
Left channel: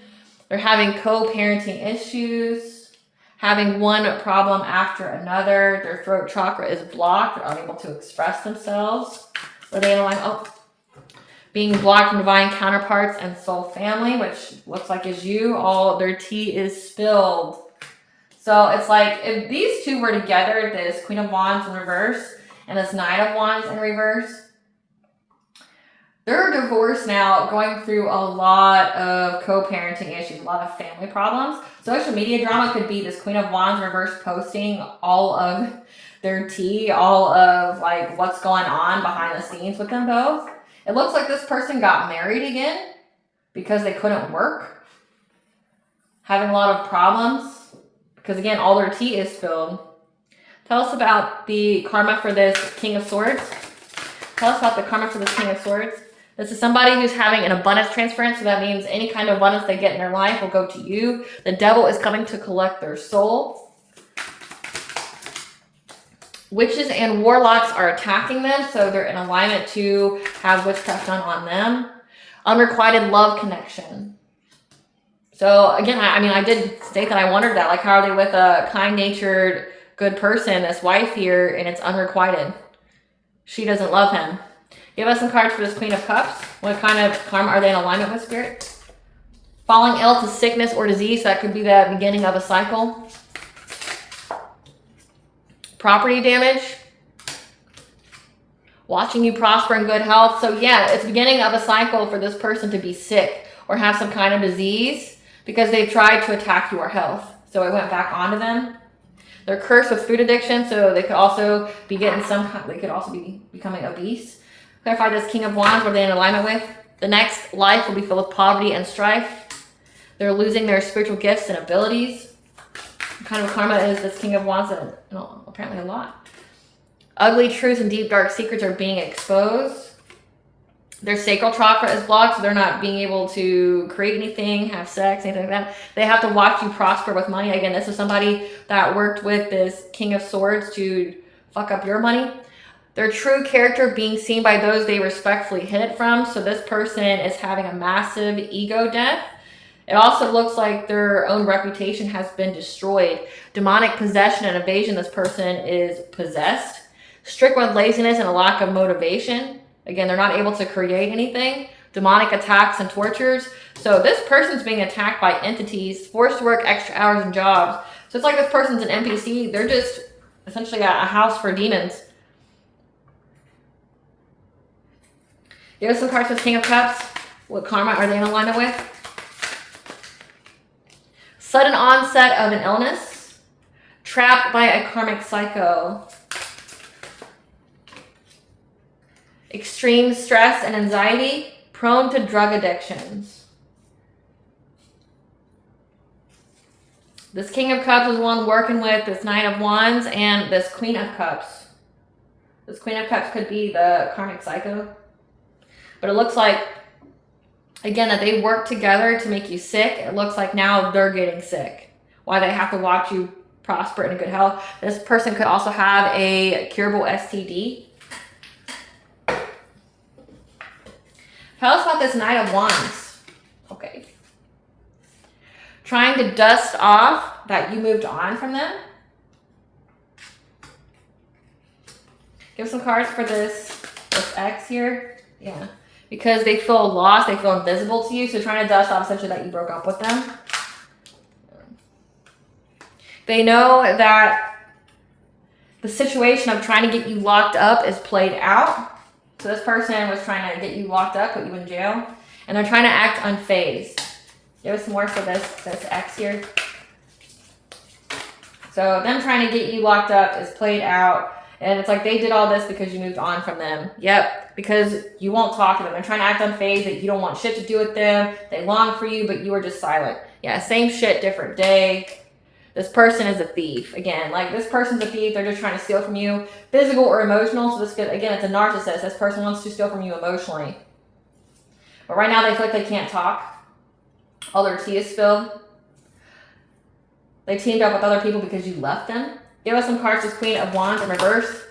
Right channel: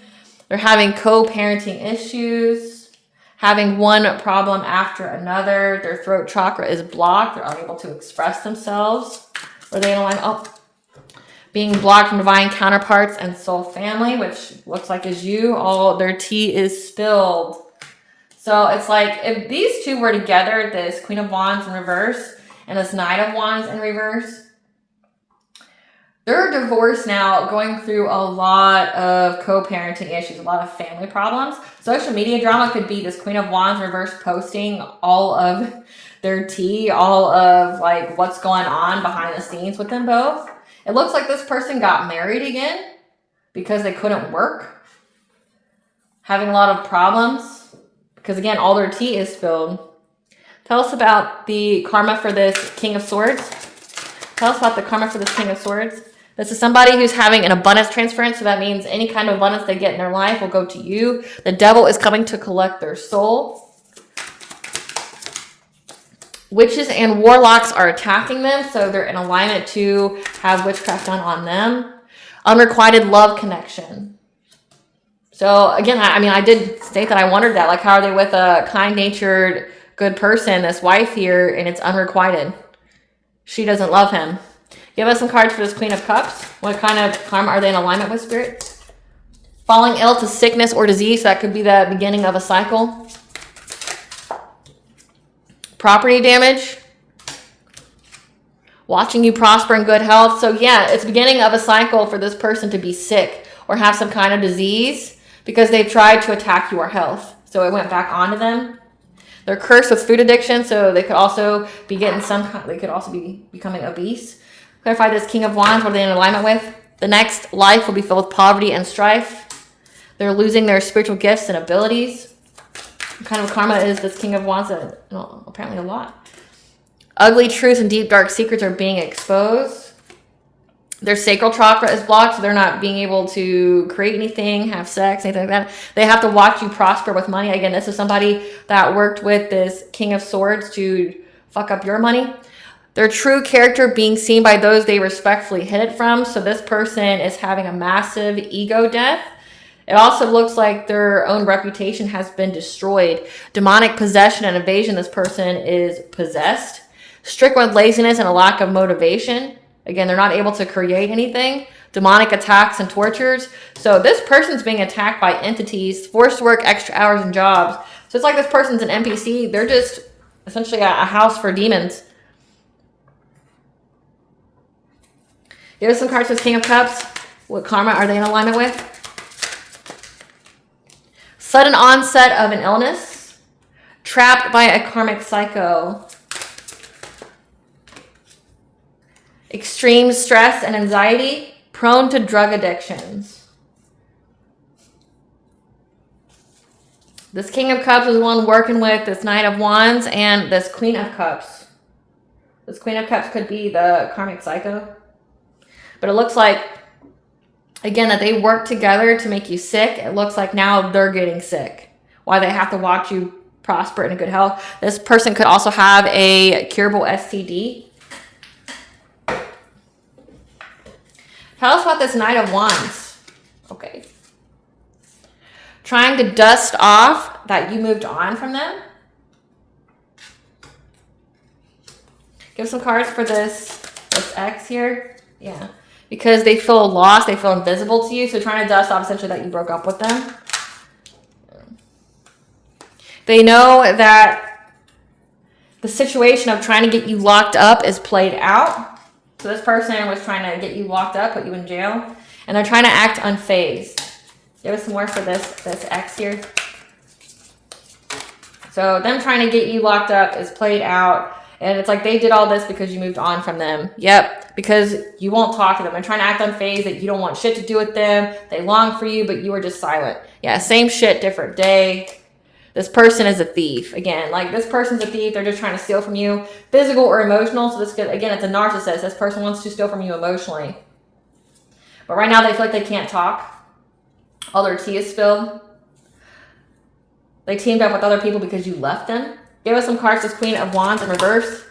They're having co-parenting issues, having one problem after another. Their throat chakra is blocked. They're unable to express themselves. Are they in alignment? Oh, being blocked from divine counterparts and soul family, which looks like is you. All their tea is spilled. So it's like if these two were together, this Queen of Wands in reverse and this Knight of Wands in reverse, they're divorced now, going through a lot of co-parenting issues, a lot of family problems. Social media drama could be this Queen of Wands reverse posting all of their tea, all of like what's going on behind the scenes with them both. It looks like this person got married again because they couldn't work, having a lot of problems because again, all their tea is spilled. Tell us about the karma for this King of Swords. Tell us about the karma for this King of Swords. This is somebody who's having an abundance transference, so that means any kind of abundance they get in their life will go to you. The devil is coming to collect their soul. Witches and warlocks are attacking them, so they're in alignment to have witchcraft done on them. Unrequited love connection. So again, I mean, I did state that I wondered that, like, how are they with a kind-natured, good person, this wife here, and it's unrequited? She doesn't love him. Give us some cards for this Queen of Cups. What kind of karma are they in alignment with, Spirit? Falling ill to sickness or disease. So that could be the beginning of a cycle. Property damage. Watching you prosper in good health. So yeah, it's beginning of a cycle for this person to be sick or have some kind of disease because they've tried to attack your health. So it went back onto them. They're cursed with food addiction. So they could also be getting they could also be becoming obese. Clarify this King of Wands, what are they in alignment with? The next life will be filled with poverty and strife. They're losing their spiritual gifts and abilities. What kind of karma is this King of Wands? Well, apparently a lot. Ugly truths and deep dark secrets are being exposed. Their sacral chakra is blocked, so they're not being able to create anything, have sex, anything like that. They have to watch you prosper with money. Again, this is somebody that worked with this King of Swords to fuck up your money. Their true character being seen by those they respectfully hid it from. So this person is having a massive ego death. It also looks like their own reputation has been destroyed. Demonic possession and evasion. This person is possessed. Stricken with laziness and a lack of motivation. Again, they're not able to create anything. Demonic attacks and tortures. So this person's being attacked by entities, forced to work extra hours and jobs. So it's like this person's an NPC. They're just essentially a house for demons. Here's some cards for King of Cups. What karma are they in alignment with? Sudden onset of an illness. Trapped by a karmic psycho. Extreme stress and anxiety. Prone to drug addictions. This King of Cups is the one working with this Knight of Wands and this Queen of Cups. This Queen of Cups could be the karmic psycho. But it looks like, again, that they work together to make you sick. It looks like now they're getting sick. Why they have to watch you prosper and in good health. This person could also have a curable STD. Tell us about this Knight of Wands. Okay. Trying to dust off that you moved on from them. Give some cards for this X here. Yeah. Because they feel lost, they feel invisible to you. So trying to dust off essentially that you broke up with them. They know that the situation of trying to get you locked up is played out. So this person was trying to get you locked up, put you in jail. And they're trying to act unfazed. Give us some more for this X here. So them trying to get you locked up is played out. And it's like they did all this because you moved on from them. Yep, because you won't talk to them. They're trying to act unfazed, that you don't want shit to do with them. They long for you, but you were just silent. Yeah, same shit, different day. This person is a thief. Again, like this person's a thief. They're just trying to steal from you, physical or emotional. So this could, again, it's a narcissist. This person wants to steal from you emotionally. But right now they feel like they can't talk. All their tea is spilled. They teamed up with other people because you left them. Give us some cards. This Queen of Wands in reverse.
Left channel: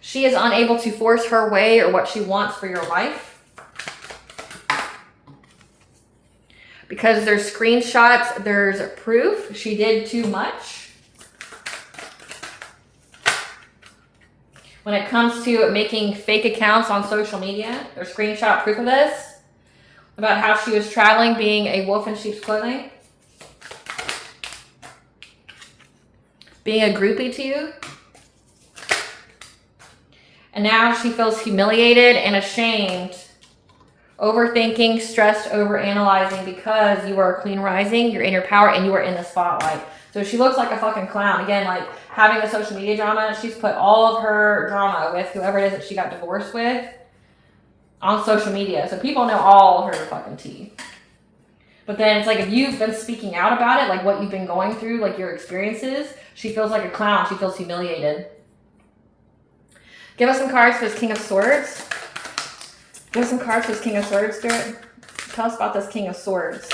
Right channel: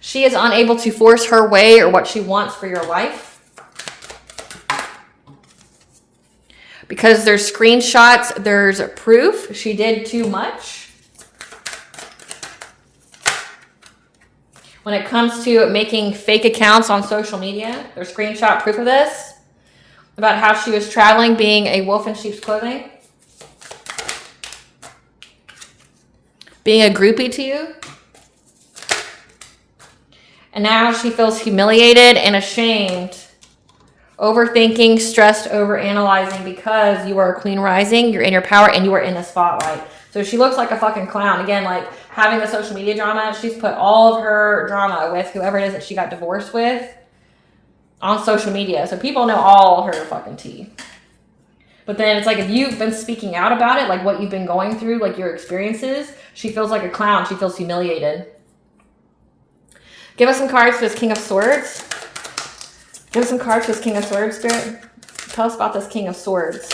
She is unable to force her way or what she wants for your life. Because there's screenshots, there's proof. She did too much. When it comes to making fake accounts on social media, there's screenshot proof of this, about how she was traveling being a wolf in sheep's clothing. Being a groupie to you. And now she feels humiliated and ashamed, overthinking, stressed, overanalyzing because you are a queen rising, you're in your power, and you are in the spotlight. So she looks like a fucking clown. Again, like having the social media drama, she's put all of her drama with whoever it is that she got divorced with on social media. So people know all her fucking tea. But then it's like if you've been speaking out about it, like what you've been going through, like your experiences, she feels like a clown. She feels humiliated. Give us some cards for this King of Swords. Give us some cards for this King of Swords, Spirit. Tell us about this King of Swords.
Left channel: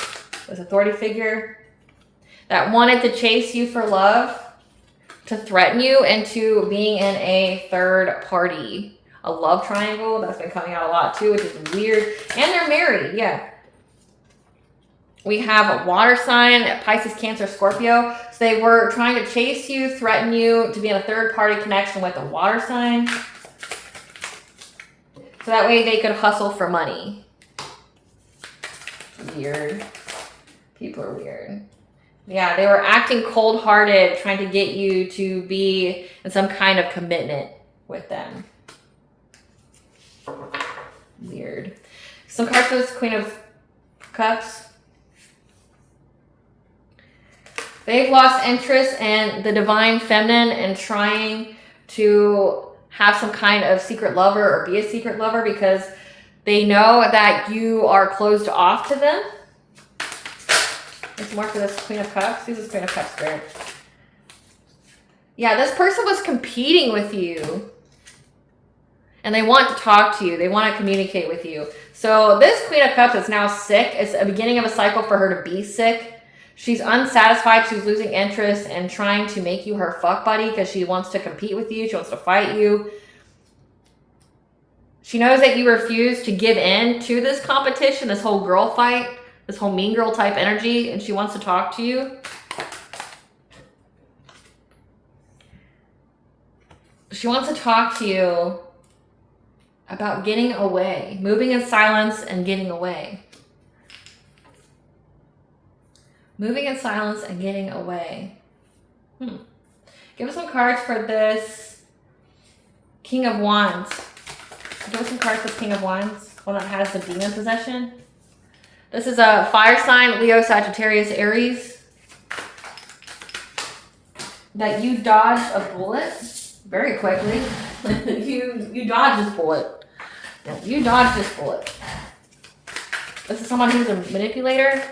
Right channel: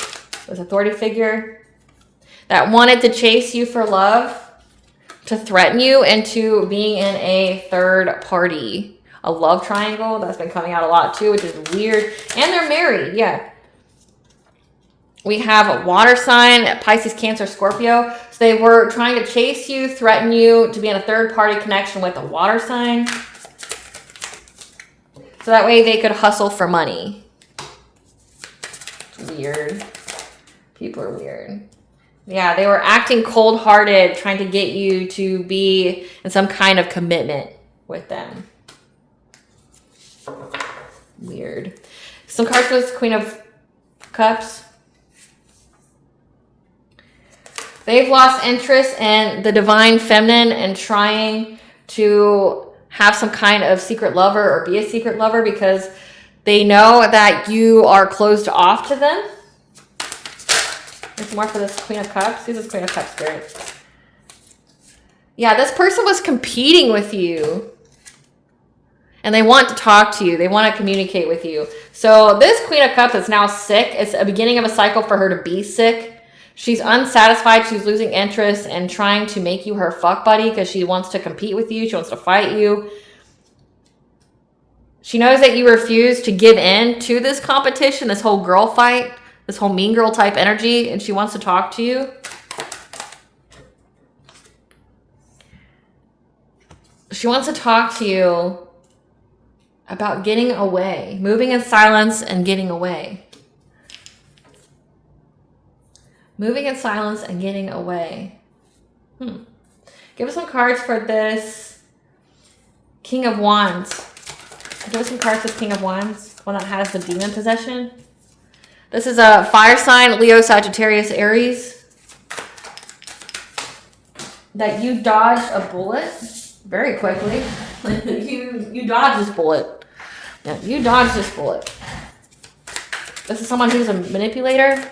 This authority figure that wanted to chase you for love, to threaten you into being in a third party. A love triangle. That's been coming out a lot too, which is weird. And they're married, yeah. We have a water sign, Pisces, Cancer, Scorpio. So they were trying to chase you, threaten you to be in a third party connection with a water sign. So that way they could hustle for money. Weird. People are weird. Yeah, they were acting cold-hearted, trying to get you to be in some kind of commitment with them. Weird. Some cards for this Queen of Cups. They've lost interest in the divine feminine and trying to have some kind of secret lover or be a secret lover because they know that you are closed off to them. There's more for this Queen of Cups. This is Queen of Cups, Spirit. Yeah, this person was competing with you. And they want to talk to you. They want to communicate with you. So this Queen of Cups is now sick. It's a beginning of a cycle for her to be sick. She's unsatisfied. She's losing interest and trying to make you her fuck buddy because she wants to compete with you. She wants to fight you. She knows that you refuse to give in to this competition, this whole girl fight, this whole mean girl type energy, and she wants to talk to you. She wants to talk to you about getting away, moving in silence and getting away. Moving in silence and getting away. Give us some cards for this King of Wands. Give us some cards for this King of Wands, one that has the demon possession. This is a fire sign, Leo, Sagittarius, Aries. That you dodged a bullet very quickly. you dodged this bullet. Yeah, you dodged this bullet. This is someone who's a manipulator.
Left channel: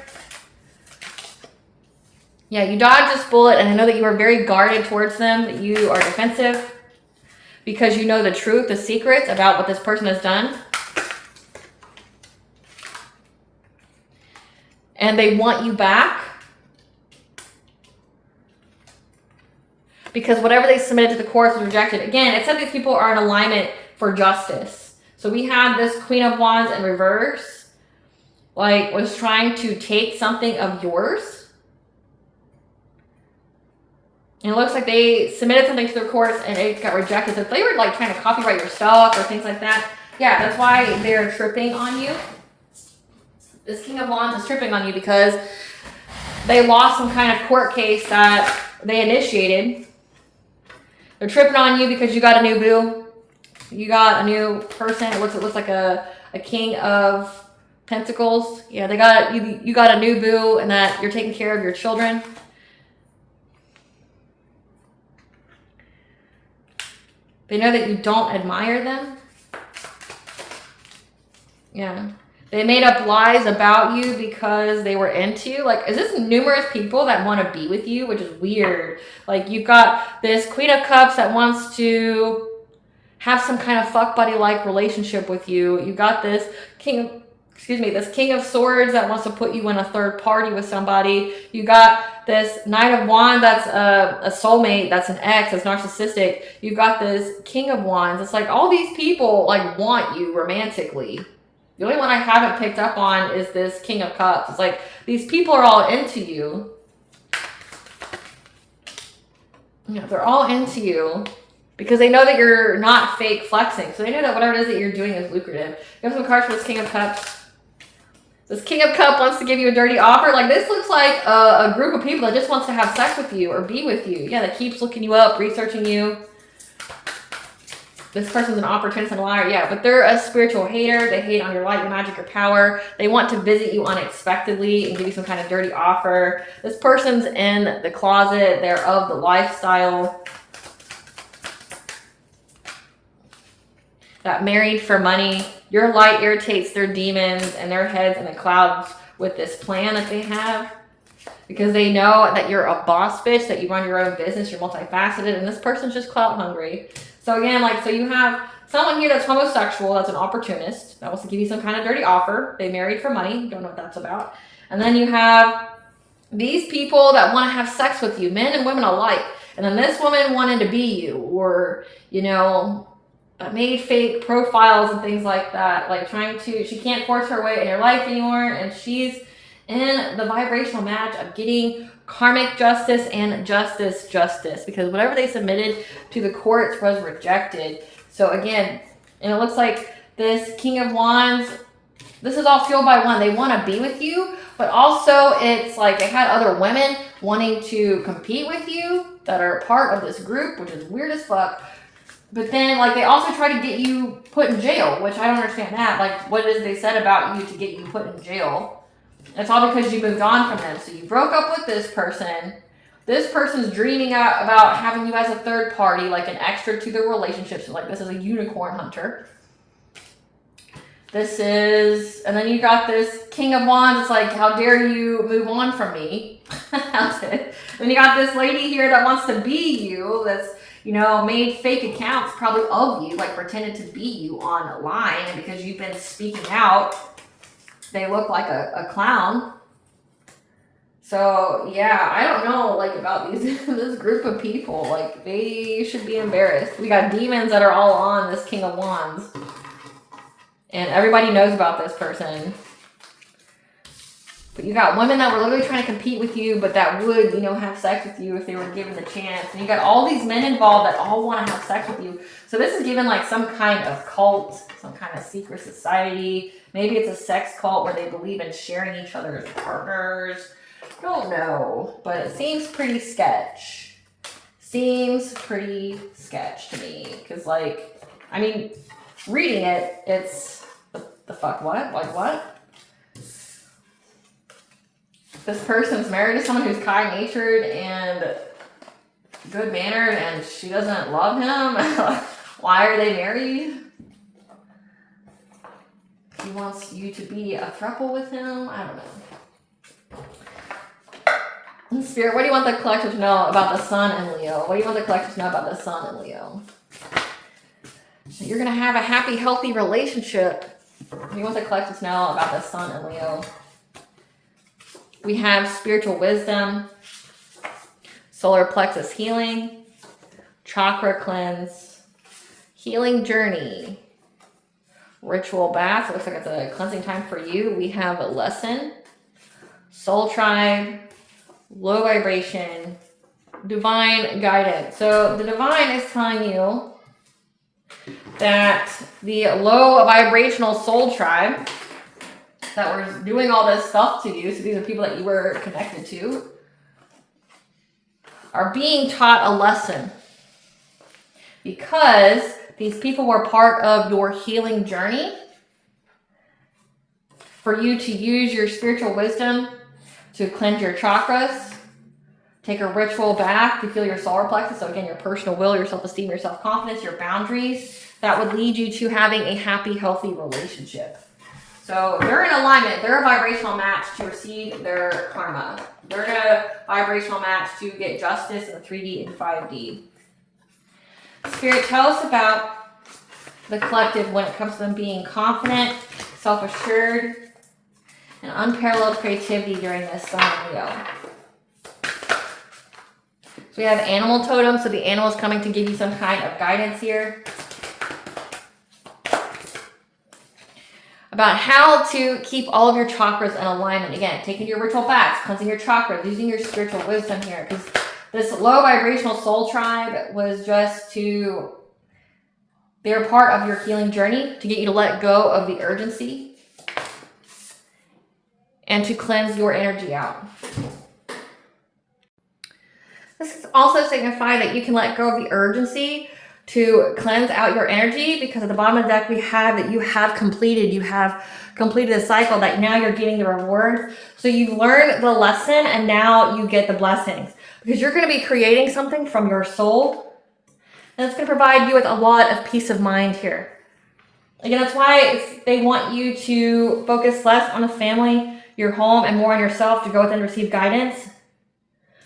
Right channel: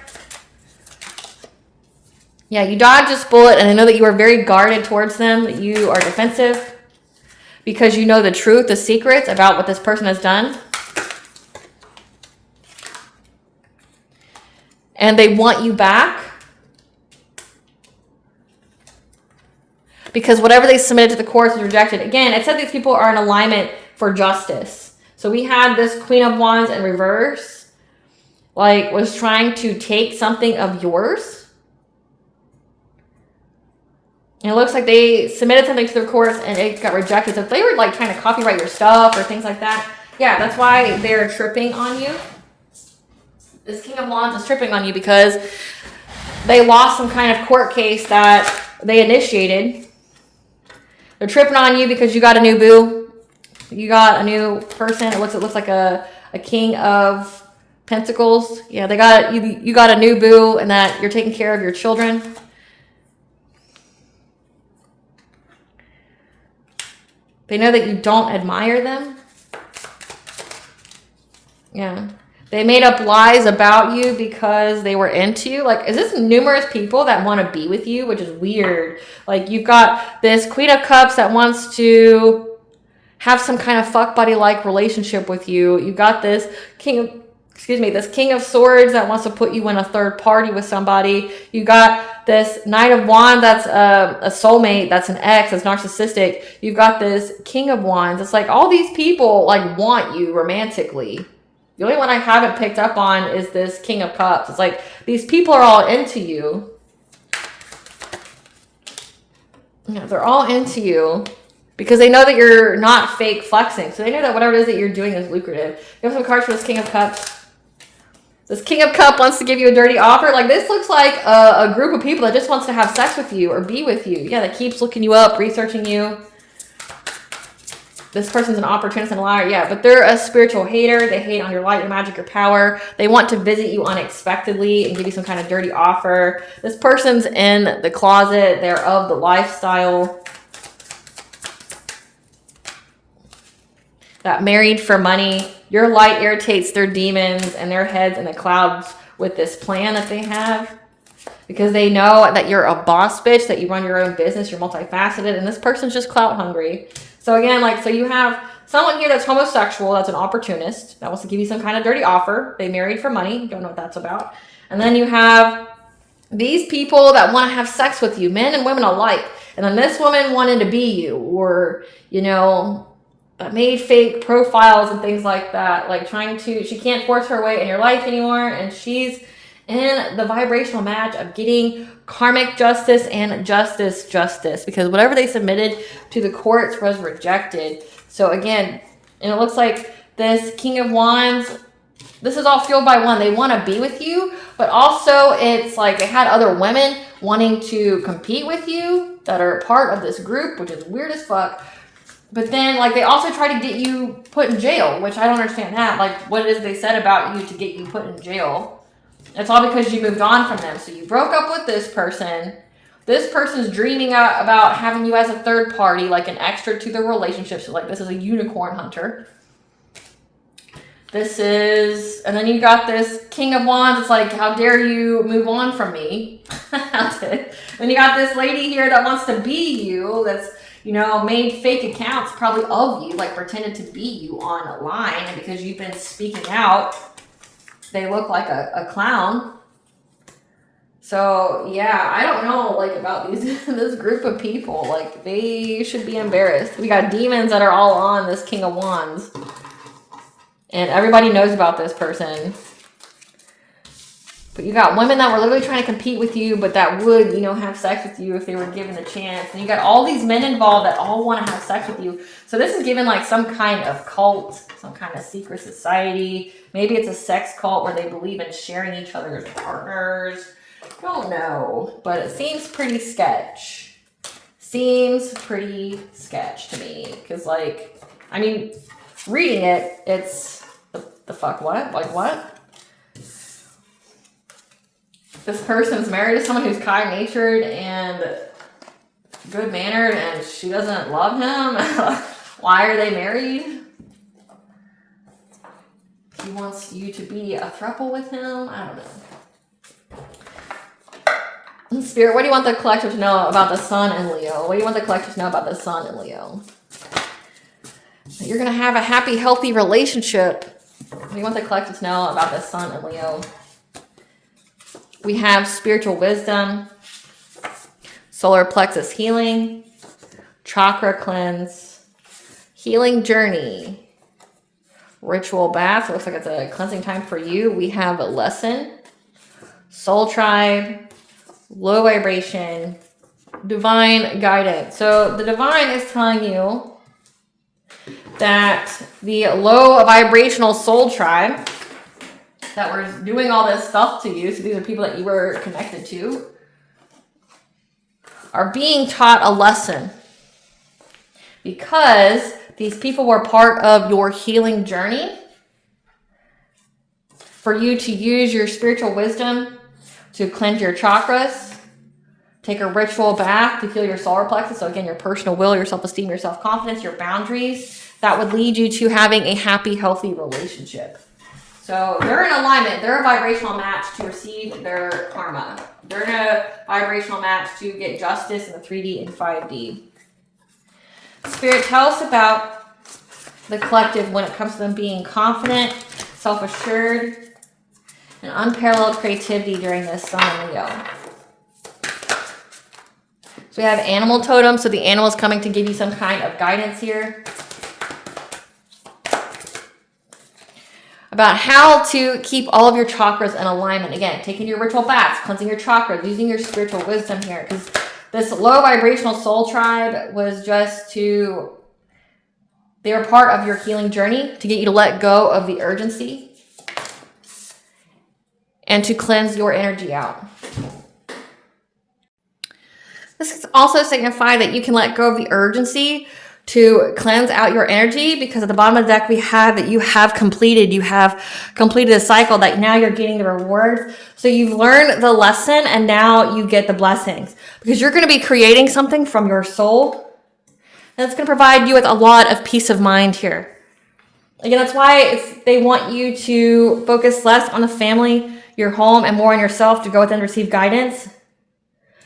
Yeah, you dodged this bullet and I know that you are very guarded towards them. You are defensive because you know the truth, the secrets about what this person has done. And they want you back because whatever they submitted to the courts was rejected. Again, it said these people are in alignment for justice. So we have this Queen of Wands in reverse, like was trying to take something of yours. And it looks like they submitted something to the courts and it got rejected. So if they were like trying to copyright your stuff or things like that, yeah, that's why they're tripping on you. This King of Wands is tripping on you because they lost some kind of court case that they initiated. They're tripping on you because you got a new boo. You got a new person. It looks like a King of Pentacles. Yeah, they got you got a new boo and that you're taking care of your children. They know that you don't admire them. Yeah. They made up lies about you because they were into you. Like, is this numerous people that want to be with you, which is weird. Like, you've got this Queen of Cups that wants to have some kind of fuck buddy-like relationship with you. You got this this King of Swords that wants to put you in a third party with somebody. You got this Knight of Wands that's a soulmate, that's an ex, that's narcissistic. You've got this King of Wands. It's like all these people like want you romantically. The only one I haven't picked up on is this King of Cups. It's like these people are all into you. Yeah, they're all into you. Because they know that you're not fake flexing. So they know that whatever it is that you're doing is lucrative. There's some cards for this King of Cups. This King of Cups wants to give you a dirty offer. Like, this looks like a group of people that just wants to have sex with you or be with you. Yeah, that keeps looking you up, researching you. This person's an opportunist and a liar. Yeah, but they're a spiritual hater. They hate on your light, your magic, your power. They want to visit you unexpectedly and give you some kind of dirty offer. This person's in the closet. They're of the lifestyle. Got married for money. Your light irritates their demons and their heads in the clouds with this plan that they have. Because they know that you're a boss bitch, that you run your own business, you're multifaceted, and this person's just clout hungry. So again, like, so you have someone here that's homosexual, that's an opportunist, that wants to give you some kind of dirty offer. They married for money. Don't know what that's about. And then you have these people that want to have sex with you, men and women alike. And then this woman wanted to be you, or, you know, made fake profiles and things like that. Like, she can't force her way in your life anymore. And she's in the vibrational match of getting karmic justice and justice, because whatever they submitted to the courts was rejected. So again, and it looks like this King of Wands, this is all fueled by one. They want to be with you, but also it's like they had other women wanting to compete with you that are part of this group, which is weird as fuck. But then, like, they also try to get you put in jail, which I don't understand that. Like, what is they said about you to get you put in jail? It's all because you moved on from them. So you broke up with this person. This person's dreaming about having you as a third party, like an extra to the relationship. So, like, this is a unicorn hunter. This is, and then you got this King of Wands. It's like, how dare you move on from me? Then you got this lady here that wants to be you. That's, you know, made fake accounts probably of you, like pretended to be you online. And because you've been speaking out, they look like a clown. So yeah, I don't know, like, about this group of people. Like, they should be embarrassed. We got demons that are all on this King of Wands, and everybody knows about this person. But you got women that were literally trying to compete with you, but that would, you know, have sex with you if they were given the chance. And you got all these men involved that all want to have sex with you. So this is given like some kind of cult, some kind of secret society. Maybe it's a sex cult where they believe in sharing each other's partners. Don't know, but it seems pretty sketch. Seems pretty sketch to me. Because, like, I mean, reading it, it's, the fuck, what? Like, what? This person's married to someone who's kind-natured and good-mannered, and she doesn't love him. Why are they married? He wants you to be a throuple with him? I don't know. Spirit, what do you want the collective to know about the Sun in Leo? What do you want the collective to know about the Sun in Leo? You're going to have a happy, healthy relationship. What do you want the collective to know about the Sun in Leo? We have spiritual wisdom, solar plexus healing, chakra cleanse, healing journey, ritual bath. It looks like it's a cleansing time for you. We have a lesson, soul tribe, low vibration, divine guidance. So the divine is telling you that the low vibrational soul tribe that were doing all this stuff to you, so these are people that you were connected to, are being taught a lesson because these people were part of your healing journey. For you to use your spiritual wisdom to cleanse your chakras, take a ritual bath to heal your solar plexus. So again, your personal will, your self-esteem, your self-confidence, your boundaries, that would lead you to having a happy, healthy relationship. So they're in alignment. They're a vibrational match to receive their karma. They're in a vibrational match to get justice in the 3D and 5D. Spirit, tell us about the collective when it comes to them being confident, self-assured, and unparalleled creativity during this Sun Leo. So we have animal totem. So the animal is coming to give you some kind of guidance here about how to keep all of your chakras in alignment. Again, taking your ritual baths, cleansing your chakras, using your spiritual wisdom here. Because This low vibrational soul tribe was just to, they're part of your healing journey to get you to let go of the urgency and to cleanse your energy out. This can also signify that you can let go of the urgency to cleanse out your energy, because at the bottom of the deck we have that you have completed a cycle, that now you're getting the rewards. So you've learned the lesson and now you get the blessings, because you're going to be creating something from your soul. And that's going to provide you with a lot of peace of mind here. Again, that's why they want you to focus less on the family, your home, and more on yourself, to go within and receive guidance.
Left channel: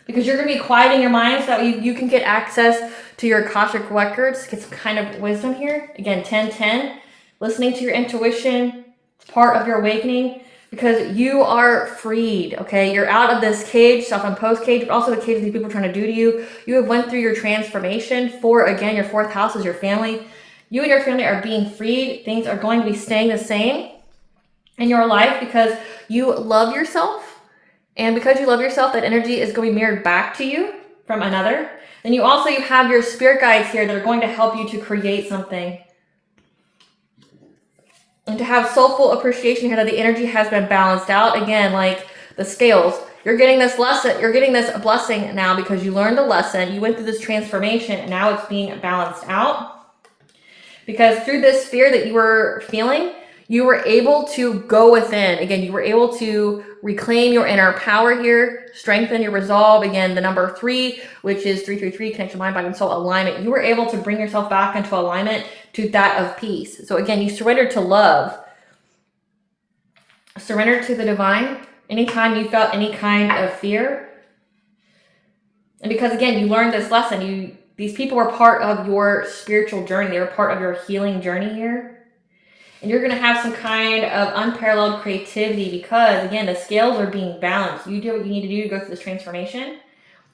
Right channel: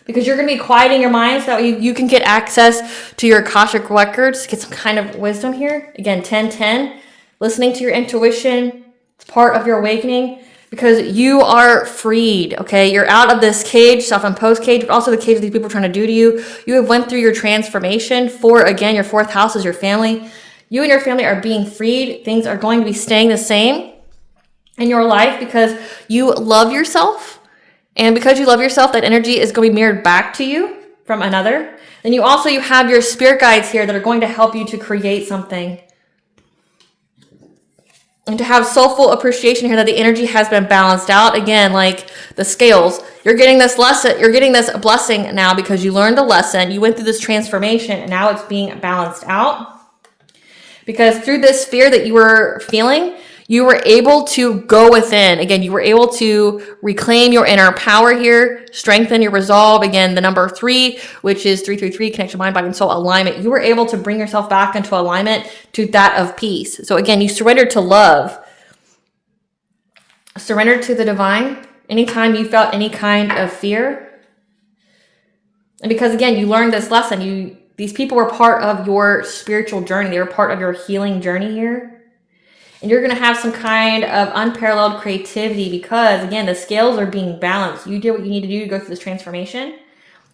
Because you're going to be quieting your mind so that you can get access to your Akashic records, get some kind of wisdom here. Again, 10-10, listening to your intuition, it's part of your awakening, because you are freed, okay? You're out of this cage, self-imposed cage, but also the cage that these people are trying to do to you. You have went through your transformation. Again, your 4th house is your family. You and your family are being freed. Things are going to be staying the same in your life because you love yourself. And because you love yourself, that energy is going to be mirrored back to you from another. And you have your spirit guides here that are going to help you to create something. And to have soulful appreciation here that the energy has been balanced out. Again, like the scales, you're getting this lesson, you're getting this blessing now because you learned the lesson. You went through this transformation and now it's being balanced out. Because through this fear that you were feeling, you were able to go within. Again, you were able to reclaim your inner power here, strengthen your resolve. Again, the number 3, which is 333, connection, mind, body, and soul alignment. You were able to bring yourself back into alignment to that of peace. So again, you surrendered to love. Surrendered to the divine. Anytime you felt any kind of fear. And because again, you learned this lesson. These people were part of your spiritual journey. They were part of your healing journey here. And you're going to have some kind of unparalleled creativity because, again, the scales are being balanced. You did what you need to do to go through this transformation.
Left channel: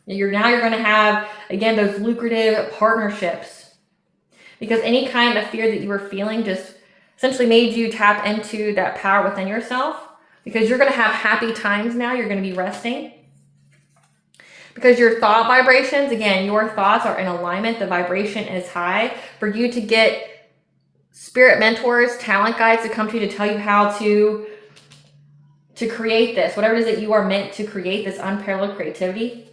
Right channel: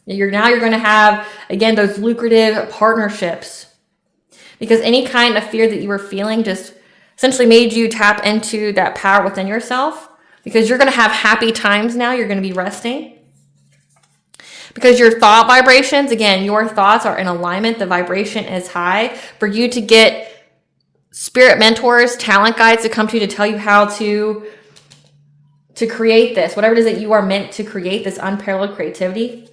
You're going to have, again, those lucrative partnerships. Because any kind of fear that you were feeling just essentially made you tap into that power within yourself. Because you're going to have happy times now. You're going to be resting. Because your thought vibrations, again, your thoughts are in alignment. The vibration is high. For you to get spirit mentors, talent guides to come to you to tell you how to create this, whatever it is that you are meant to create, this unparalleled creativity.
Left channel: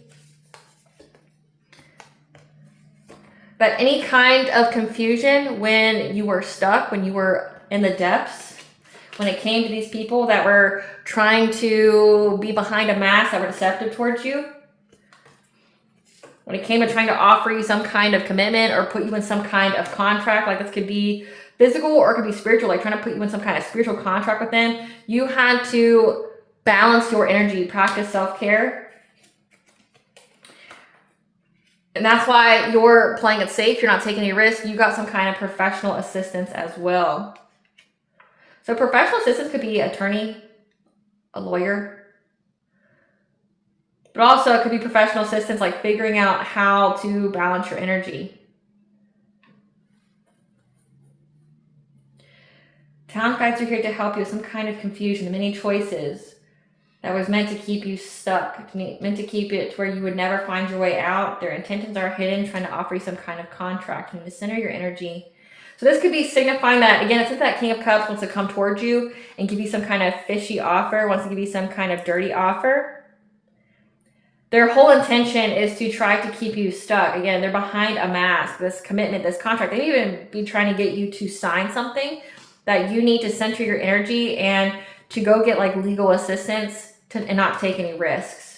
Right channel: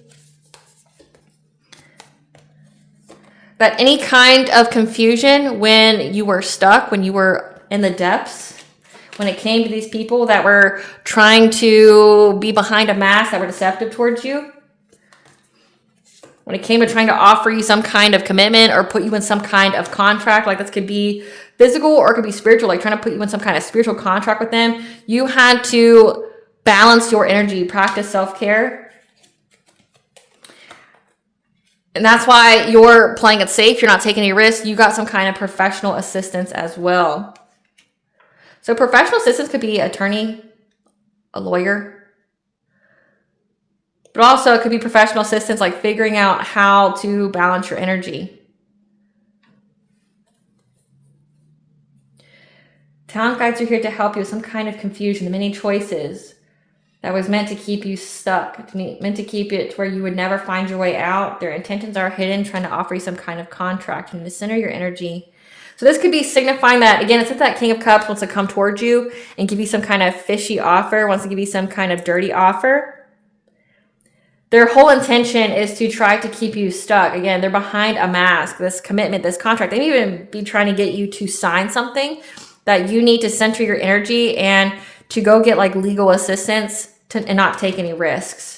That any kind of confusion when you were stuck, when you were in the depths, when it came to these people that were trying to be behind a mask, that were deceptive towards you, when it came to trying to offer you some kind of commitment or put you in some kind of contract, like this could be physical or it could be spiritual, like trying to put you in some kind of spiritual contract with them, you had to balance your energy, practice self-care. And that's why you're playing it safe. You're not taking any risks. You got some kind of professional assistance as well. So professional assistance could be an attorney, a lawyer, but also it could be professional assistance, like figuring out how to balance your energy. Talent guides are here to help you with some kind of confusion, the many choices that was meant to keep you stuck, meant to keep it to where you would never find your way out. Their intentions are hidden, trying to offer you some kind of contract. You need to center your energy. So this could be signifying that, again, it's if that King of Cups wants to come towards you and give you some kind of fishy offer, wants to give you some kind of dirty offer. Their whole intention is to try to keep you stuck. Again, they're behind a mask, this commitment, this contract. They may even be trying to get you to sign something that you need to center your energy and to go get like legal assistance and not take any risks.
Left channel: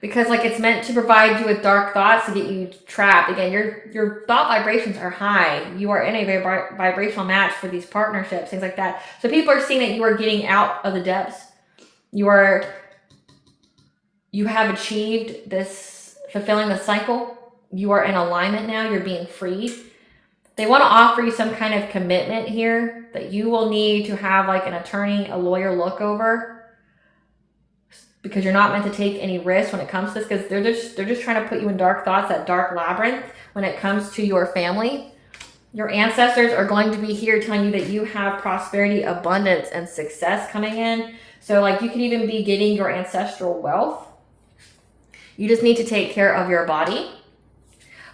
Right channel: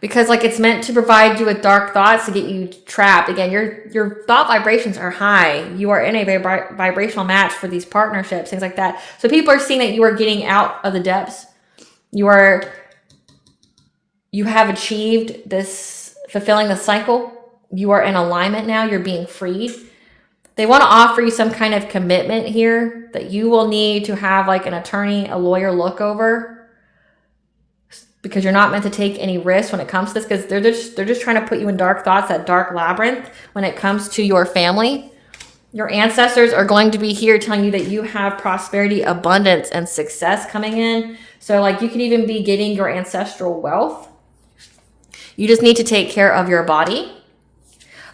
Because like it's meant to provide you with dark thoughts to get you trapped. Again, your thought vibrations are high. You are in a vibrational match for these partnerships, things like that. So people are seeing that you are getting out of the depths. You have achieved this, fulfilling the cycle. You are in alignment now. You're being freed. They want to offer you some kind of commitment here that you will need to have like an attorney, a lawyer look over. Because you're not meant to take any risks when it comes to this, because they're just trying to put you in dark thoughts, that dark labyrinth when it comes to your family. Your ancestors are going to be here telling you that you have prosperity, abundance, and success coming in. So like you could even be getting your ancestral wealth. You just need to take care of your body.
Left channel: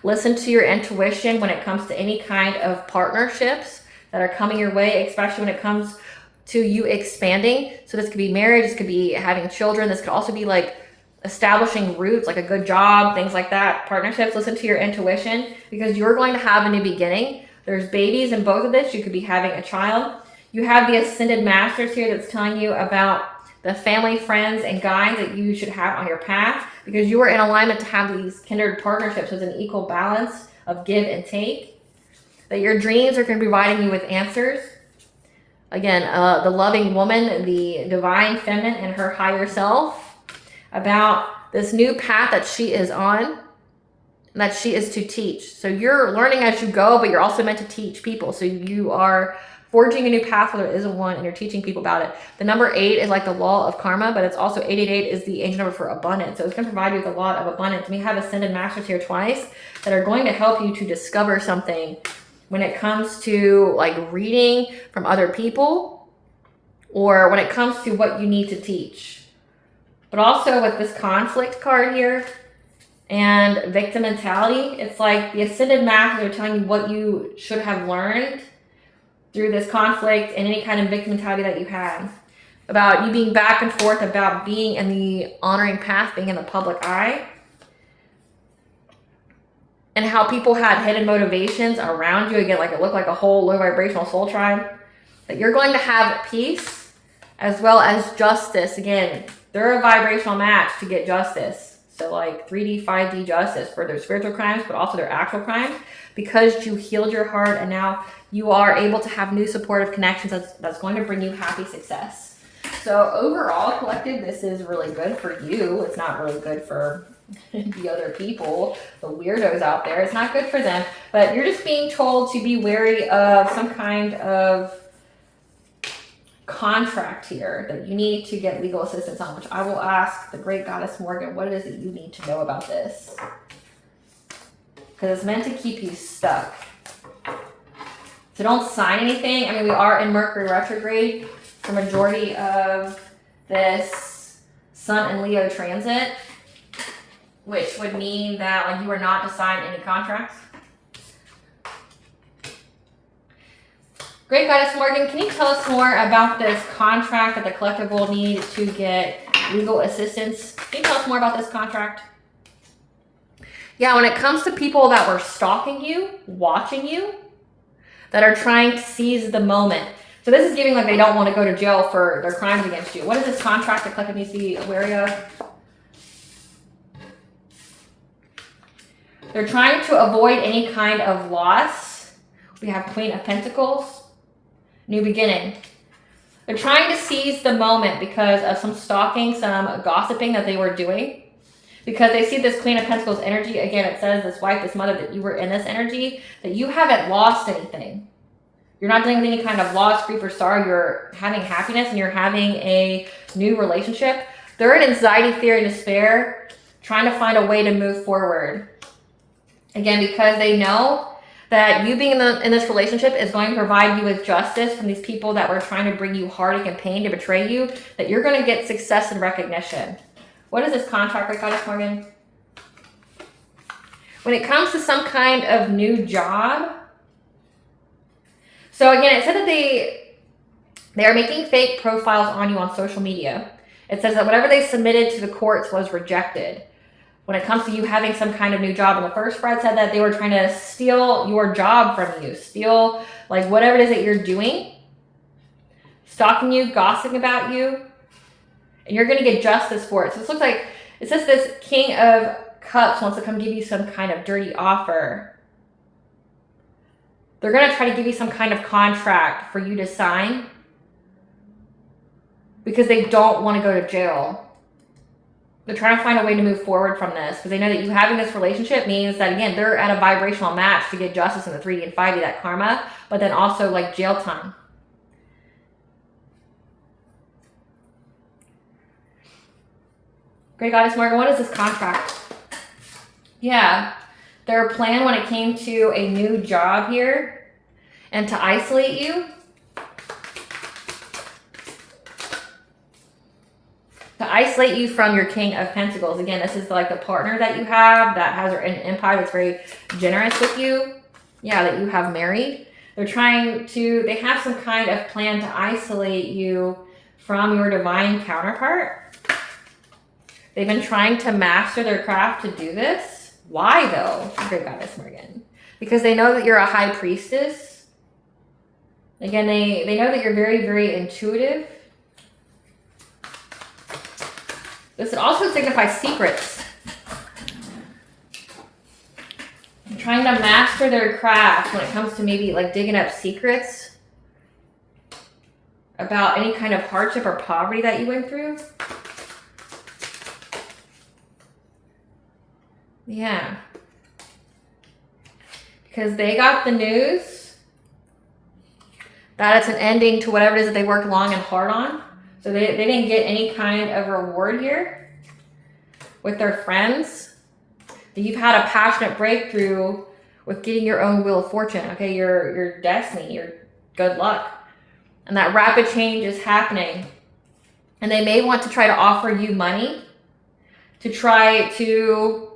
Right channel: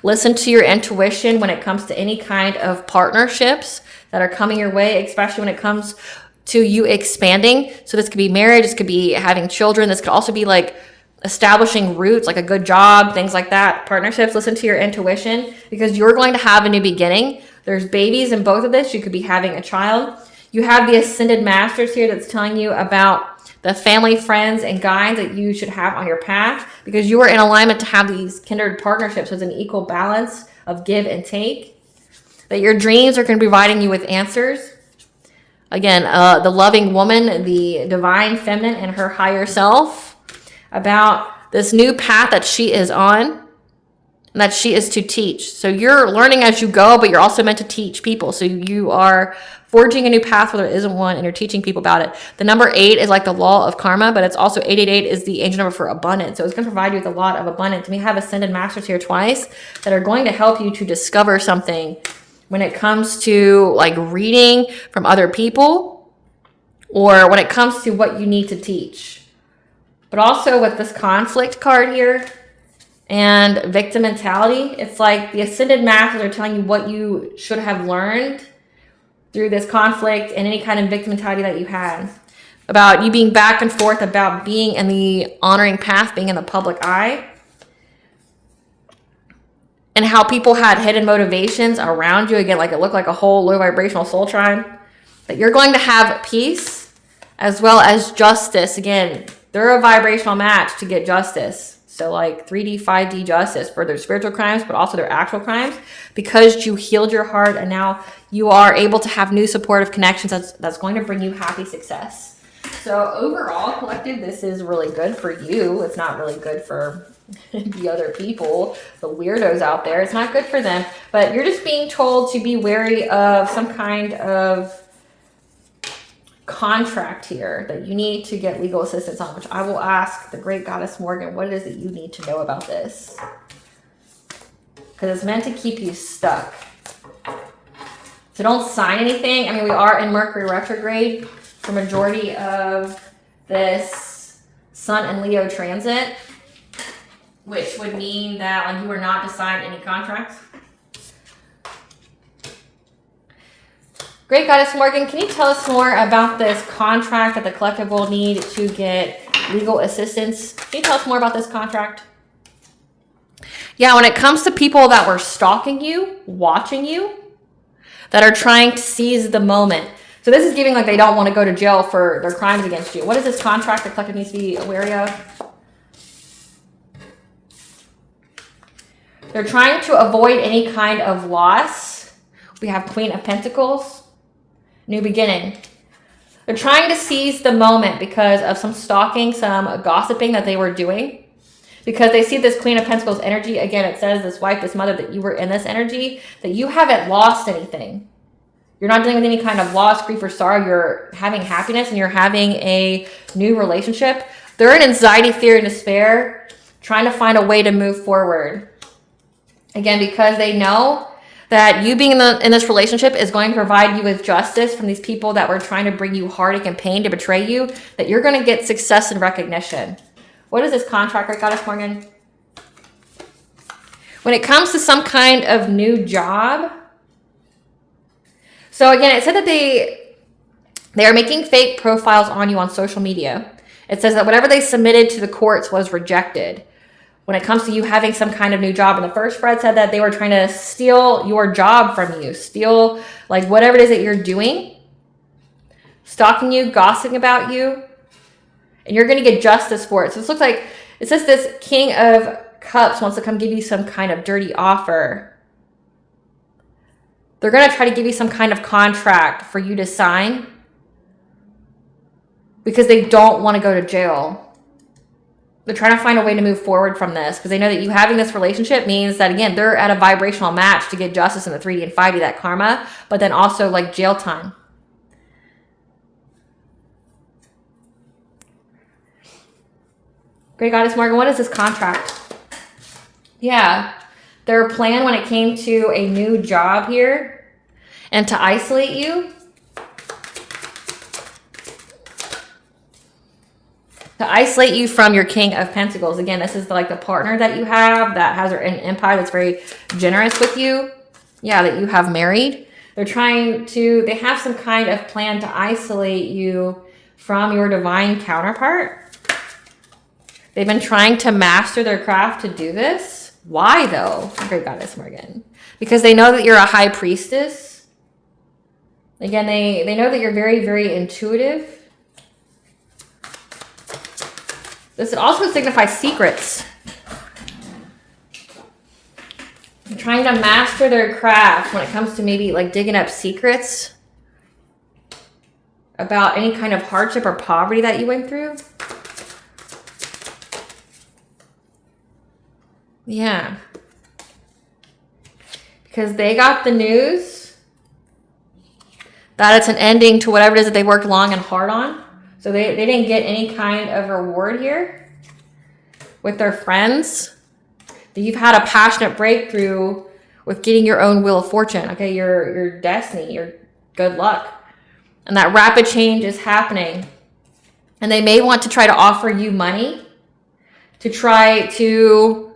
Listen to your intuition when it comes to any kind of partnerships that are coming your way, especially when it comes to you expanding. So this could be marriage, this could be having children, this could also be like establishing roots, like a good job, things like that. Partnerships, listen to your intuition because you're going to have a new beginning. There's babies in both of this. You could be having a child. You have the Ascended Masters here that's telling you about the family, friends, and guides that you should have on your path because you are in alignment to have these kindred partnerships with an equal balance of give and take. That your dreams are going to be providing you with answers. Again, the loving woman, the divine feminine and her higher self, about this new path that she is on and that she is to teach. So you're learning as you go, but you're also meant to teach people. So you are forging a new path where there isn't one and you're teaching people about it. The number 8 is like the law of karma, but it's also 888 is the angel number for abundance. So it's going to provide you with a lot of abundance. And we have Ascended Masters here twice that are going to help you to discover something when it comes to like reading from other people or when it comes to what you need to teach. But also with this conflict card here and victim mentality, it's like the Ascended Masters are telling you what you should have learned through this conflict and any kind of victim mentality that you had. About you being back and forth, about being in the honoring path, being in the public eye. And how people had hidden motivations around you. Again, like it looked like a whole low vibrational soul tribe. That you're going to have peace as well as justice. Again, they're a vibrational match to get justice. So like 3D, 5D justice for their spiritual crimes, but also their actual crimes, because you healed your heart and now you are able to have new supportive connections that's going to bring you happy success. So overall, collective, this is really good for you. It's not really good for the other people, the weirdos out there. It's not good for them, but you're just being told to be wary of some kind of contract here that you need to get legal assistance on, which I will ask the great goddess Morgan what it is that you need to know about this, because it's meant to keep you stuck. So don't sign anything. I mean, we are in Mercury retrograde for majority of this Sun and Leo transit, which would mean that like you are not to sign any contracts. Great Goddess Morgan, can you tell us more about this contract that the collective will need to get legal assistance? Can you tell us more about this contract? Yeah, when it comes to people that were stalking you, watching you, that are trying to seize the moment. So this is giving like they don't want to go to jail for their crimes against you. What is this contract the collective needs to be wary of? They're trying to avoid any kind of loss. We have Queen of Pentacles. New beginning. They're trying to seize the moment because of some stalking, some gossiping that they were doing. Because they see this Queen of Pentacles energy. Again, it says this wife, this mother, that you were in this energy, that you haven't lost anything. You're not dealing with any kind of loss, grief, or sorrow. You're having happiness and you're having a new relationship. They're in anxiety, fear, and despair, trying to find a way to move forward. Again, because they know that you being in this relationship is going to provide you with justice from these people that were trying to bring you heartache and pain to betray you, that you're going to get success and recognition. What is this contract, right, Goddess Morgan? When it comes to some kind of new job. So again, it said that they are making fake profiles on you on social media. It says that whatever they submitted to the courts was rejected. When it comes to you having some kind of new job, and the first spread said that they were trying to steal your job from you, steal like whatever it is that you're doing, stalking you, gossiping about you, and you're going to get justice for it. So this looks like, it says this King of Cups wants to come give you some kind of dirty offer. They're going to try to give you some kind of contract for you to sign because they don't want to go to jail. They're trying to find a way to move forward from this because they know that you having this relationship means that, again, they're at a vibrational match to get justice in the 3D and 5D, that karma, but then also like jail time. Great Goddess Morgan, what is this contract? Yeah, their plan when it came to a new job here and to isolate you. To isolate you from your King of Pentacles. Again, this is like the partner that you have that has an empire that's very generous with you. Yeah, that you have married. They're trying to, they have some kind of plan to isolate you from your divine counterpart. They've been trying to master their craft to do this. Why though? Great Goddess Morgan. Because they know that you're a high priestess. Again, they know that you're very, very intuitive. This also signifies secrets. They're trying to master their craft when it comes to maybe like digging up secrets about any kind of hardship or poverty that you went through. Yeah. Because they got the news that it's an ending to whatever it is that they worked long and hard on. So they didn't get any kind of reward here with their friends. You've had a passionate breakthrough with getting your own wheel of fortune. Okay, your destiny, your good luck. And that rapid change is happening. And they may want to try to offer you money to try to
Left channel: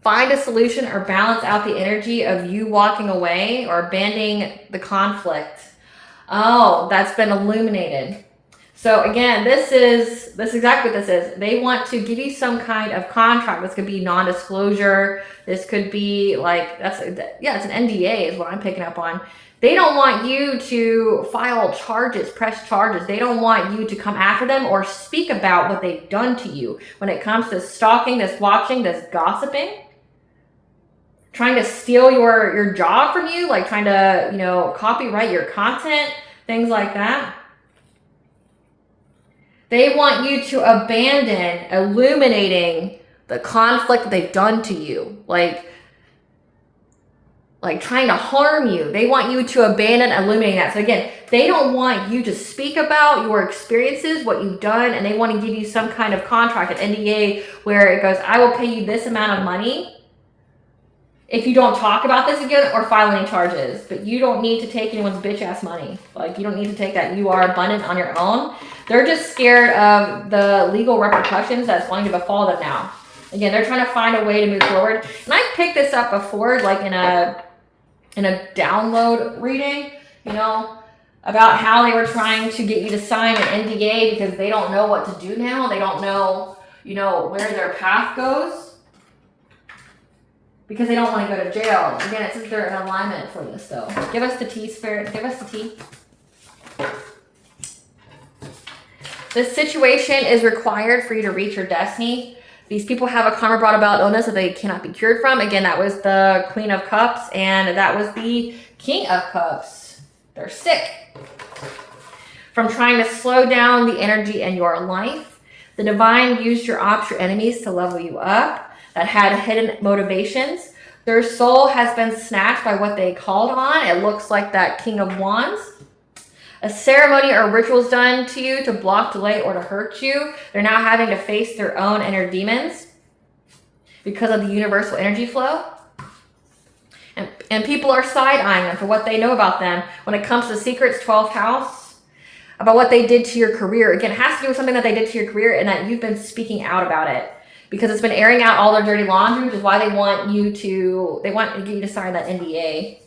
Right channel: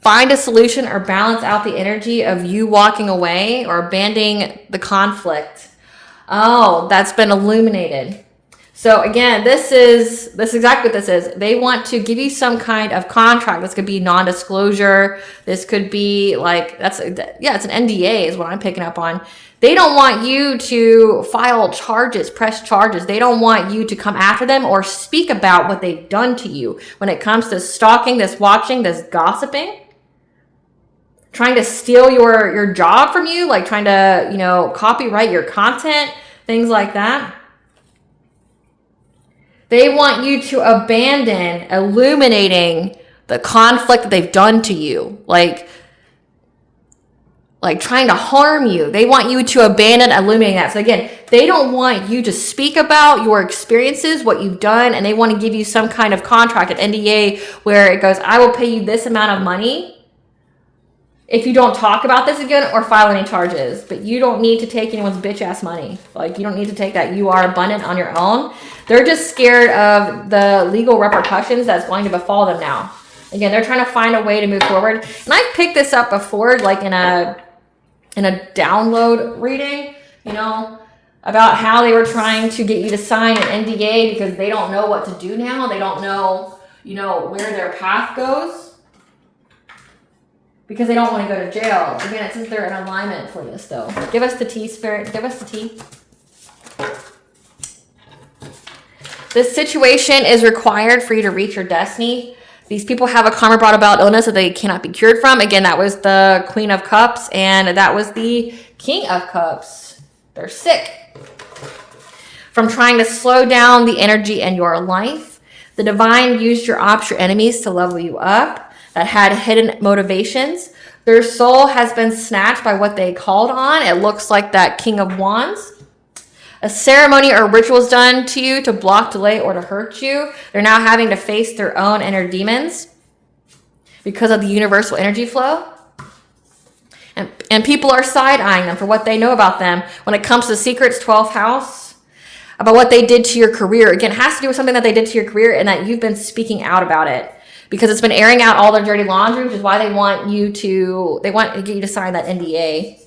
find a solution or balance out the energy of you walking away or abandoning the conflict. Oh, that's been illuminated. So again, this is exactly what this is. They want to give you some kind of contract. This could be non-disclosure. This could be like, it's an NDA is what I'm picking up on. They don't want you to file charges, press charges. They don't want you to come after them or speak about what they've done to you when it comes to stalking, this watching, this gossiping, trying to steal your job from you, like trying to, copyright your content, things like that. They want you to abandon illuminating the conflict that they've done to you, like trying to harm you. They want you to abandon illuminating that. So again, they don't want you to speak about your experiences, what you've done, and they want to give you some kind of contract, an NDA, where it goes, I will pay you this amount of money if you don't talk about this again or file any charges. But you don't need to take anyone's bitch ass money. Like, you don't need to take that. You are abundant on your own. They're just scared of the legal repercussions that's going to befall them now. Again, they're trying to find a way to move forward. And I've picked this up before, like in a download reading, about how they were trying to get you to sign an NDA because they don't know what to do now. They don't know, where their path goes. Because they don't want to go to jail. Again, it says they're in alignment for this, though. Give us the tea, Spirit. Give us the tea. This situation is required for you to reach your destiny. These people have a karma brought about illness that they cannot be cured from. Again, that was the Queen of Cups, and that was the King of Cups. They're sick from trying to slow down the energy in your life. The divine used your enemies to level you up, that had hidden motivations. Their soul has been snatched by what they called on. It looks like that King of Wands. A ceremony or ritual is done to you to block, delay, or to hurt you. They're now having to face their own inner demons because of the universal energy flow. And people are side-eyeing them for what they know about them when it comes to secrets, 12th house, about what they did to your career. Again, it has to do with something that they did to your career and that you've been speaking out about it. Because it's been airing out all their dirty laundry, which is why they want you to sign that NDA.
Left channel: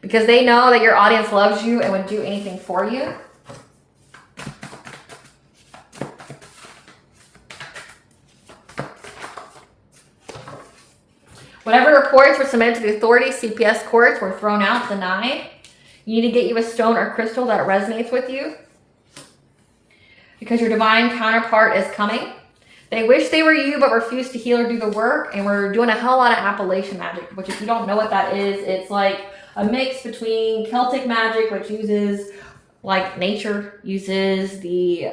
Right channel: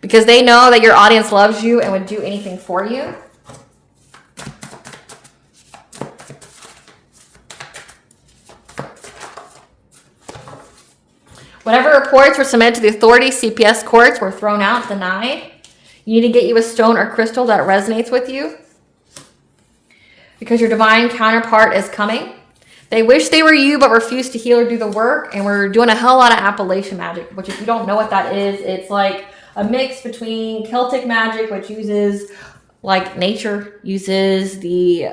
Because they know that your audience loves you and would do anything for you. Whatever reports were submitted to the authorities, CPS courts, were thrown out, denied. You need to get you a stone or crystal that resonates with you. Because your divine counterpart is coming. They wish they were you, but refuse to heal or do the work. And we're doing a hell lot of Appalachian magic, which if you don't know what that is, it's like a mix between Celtic magic, which uses like nature, uses the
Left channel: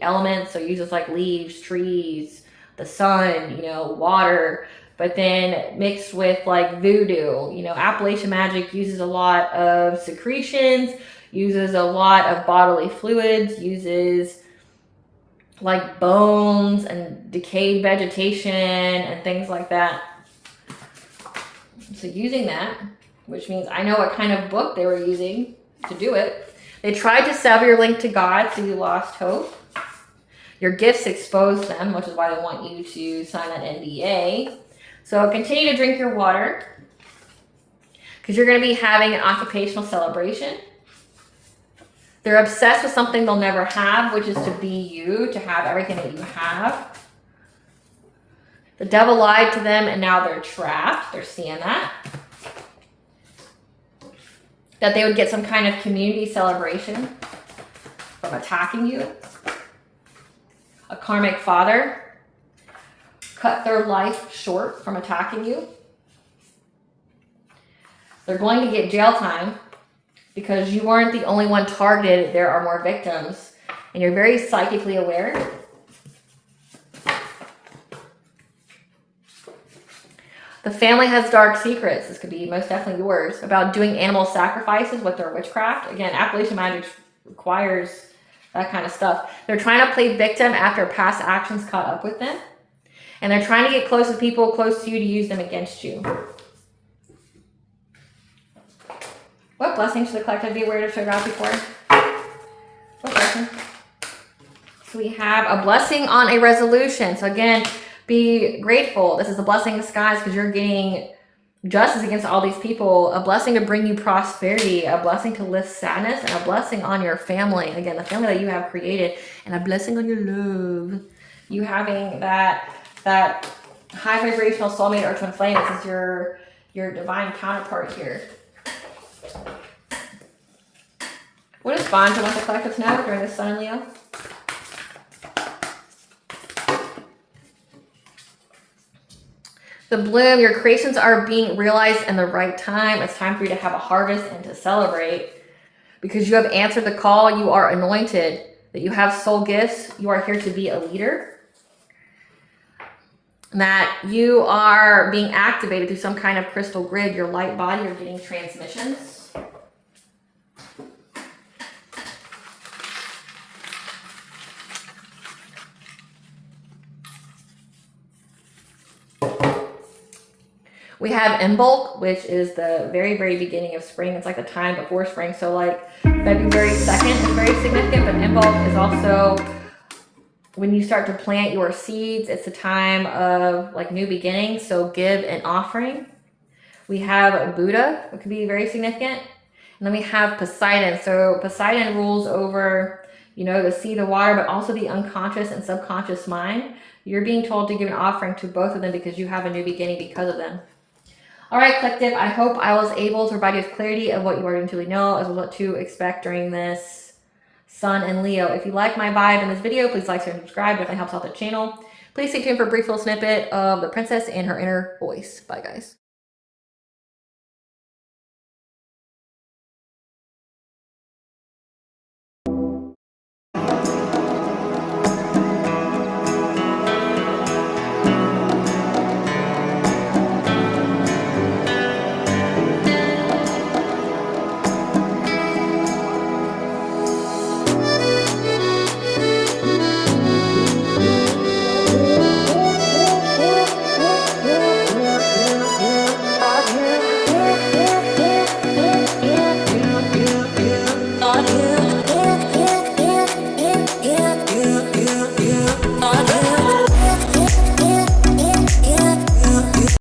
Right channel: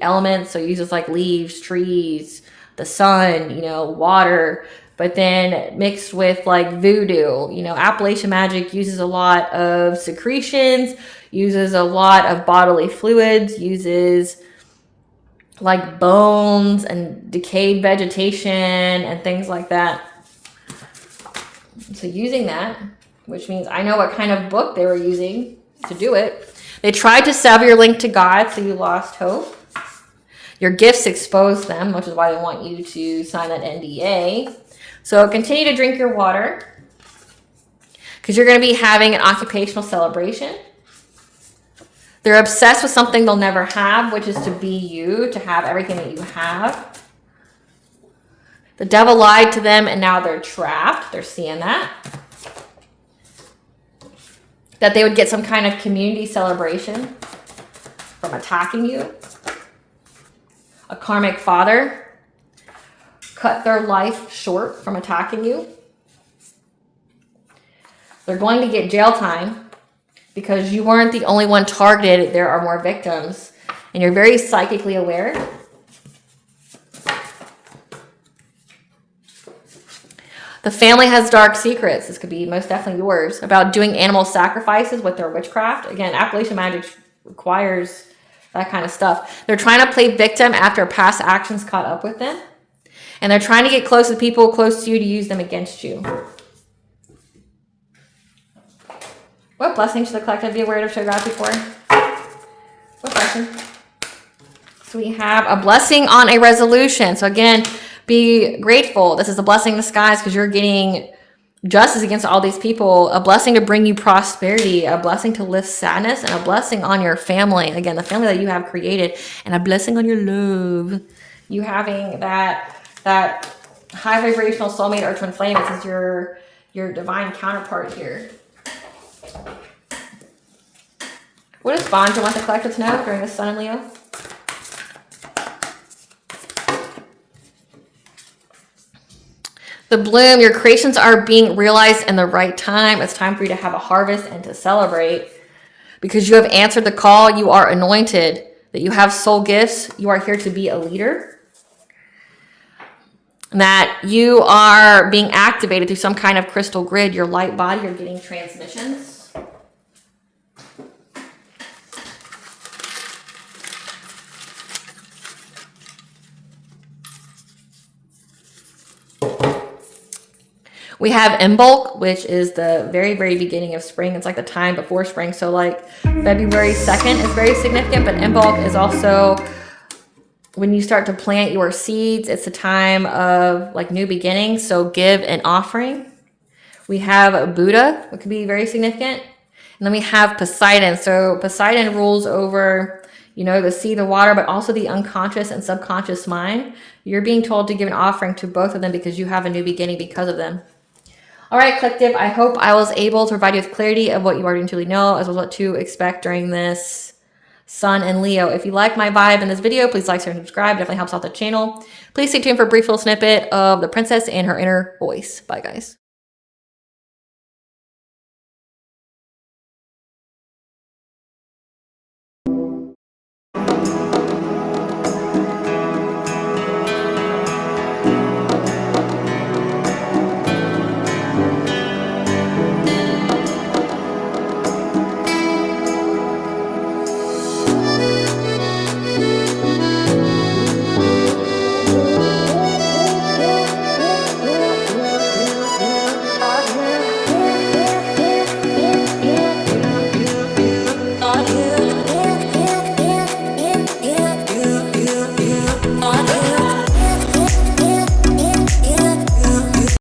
elements. So it uses like leaves, trees, the sun, water, but then mixed with like voodoo. Appalachian magic uses a lot of secretions, uses a lot of bodily fluids, uses like bones and decayed vegetation and things like that. So using that, which means I know what kind of book they were using to do it. They tried to sever your link to God, so you lost hope. Your gifts exposed them, which is why they want you to sign that NDA. So continue to drink your water, because you're going to be having an occupational celebration. They're obsessed with something they'll never have, which is to be you, to have everything that you have. The devil lied to them, and now they're trapped. They're seeing that. That they would get some kind of community celebration from attacking you. A karmic father cut their life short from attacking you. They're going to get jail time because you weren't the only one targeted. There are more victims, and you're very psychically aware. The family has dark secrets. This could be most definitely yours, about doing animal sacrifices with their witchcraft. Again, Appalachian magic requires that kind of stuff. They're trying to play victim after past actions caught up with them. And they're trying to get close to people close to you to use them against you. What blessing should the collective be aware of showed up before? What blessing? So we have a blessing on a resolution. So again, be grateful. This is a blessing in disguise because you're getting justice against all these people, a blessing to bring you prosperity, a blessing to lift sadness, and a blessing on your family. Again, the family that you have created, and a blessing on your love. You having that high vibrational soulmate or twin flame. This is your divine counterpart here. What does Bonja want the collective to know during this Sun and Leo? The bloom, your creations are being realized in the right time. It's time for you to have a harvest and to celebrate because you have answered the call. You are anointed, that you have soul gifts. You are here to be a leader. And that you are being activated through some kind of crystal grid, your light body. You're getting transmissions. We have in bulk, which is the very, very beginning of spring. It's like the time before spring. So like February 2nd is very significant, but in bulk is also when you start to plant your seeds. It's a time of like new beginnings. So give an offering. We have Buddha, which could be very significant. And then we have Poseidon. So Poseidon rules over, you know, the sea, the water, but also the unconscious and subconscious mind. You're being told to give an offering to both of them because you have a new beginning because of them. All right, collective, I hope I was able to provide you with clarity of what you already truly know, as well as what to expect during this Sun and Leo. If you like my vibe in this video, please like, share, and subscribe. Definitely helps out the channel. Please stay tuned for a brief little snippet of the princess and her inner voice. Bye, guys.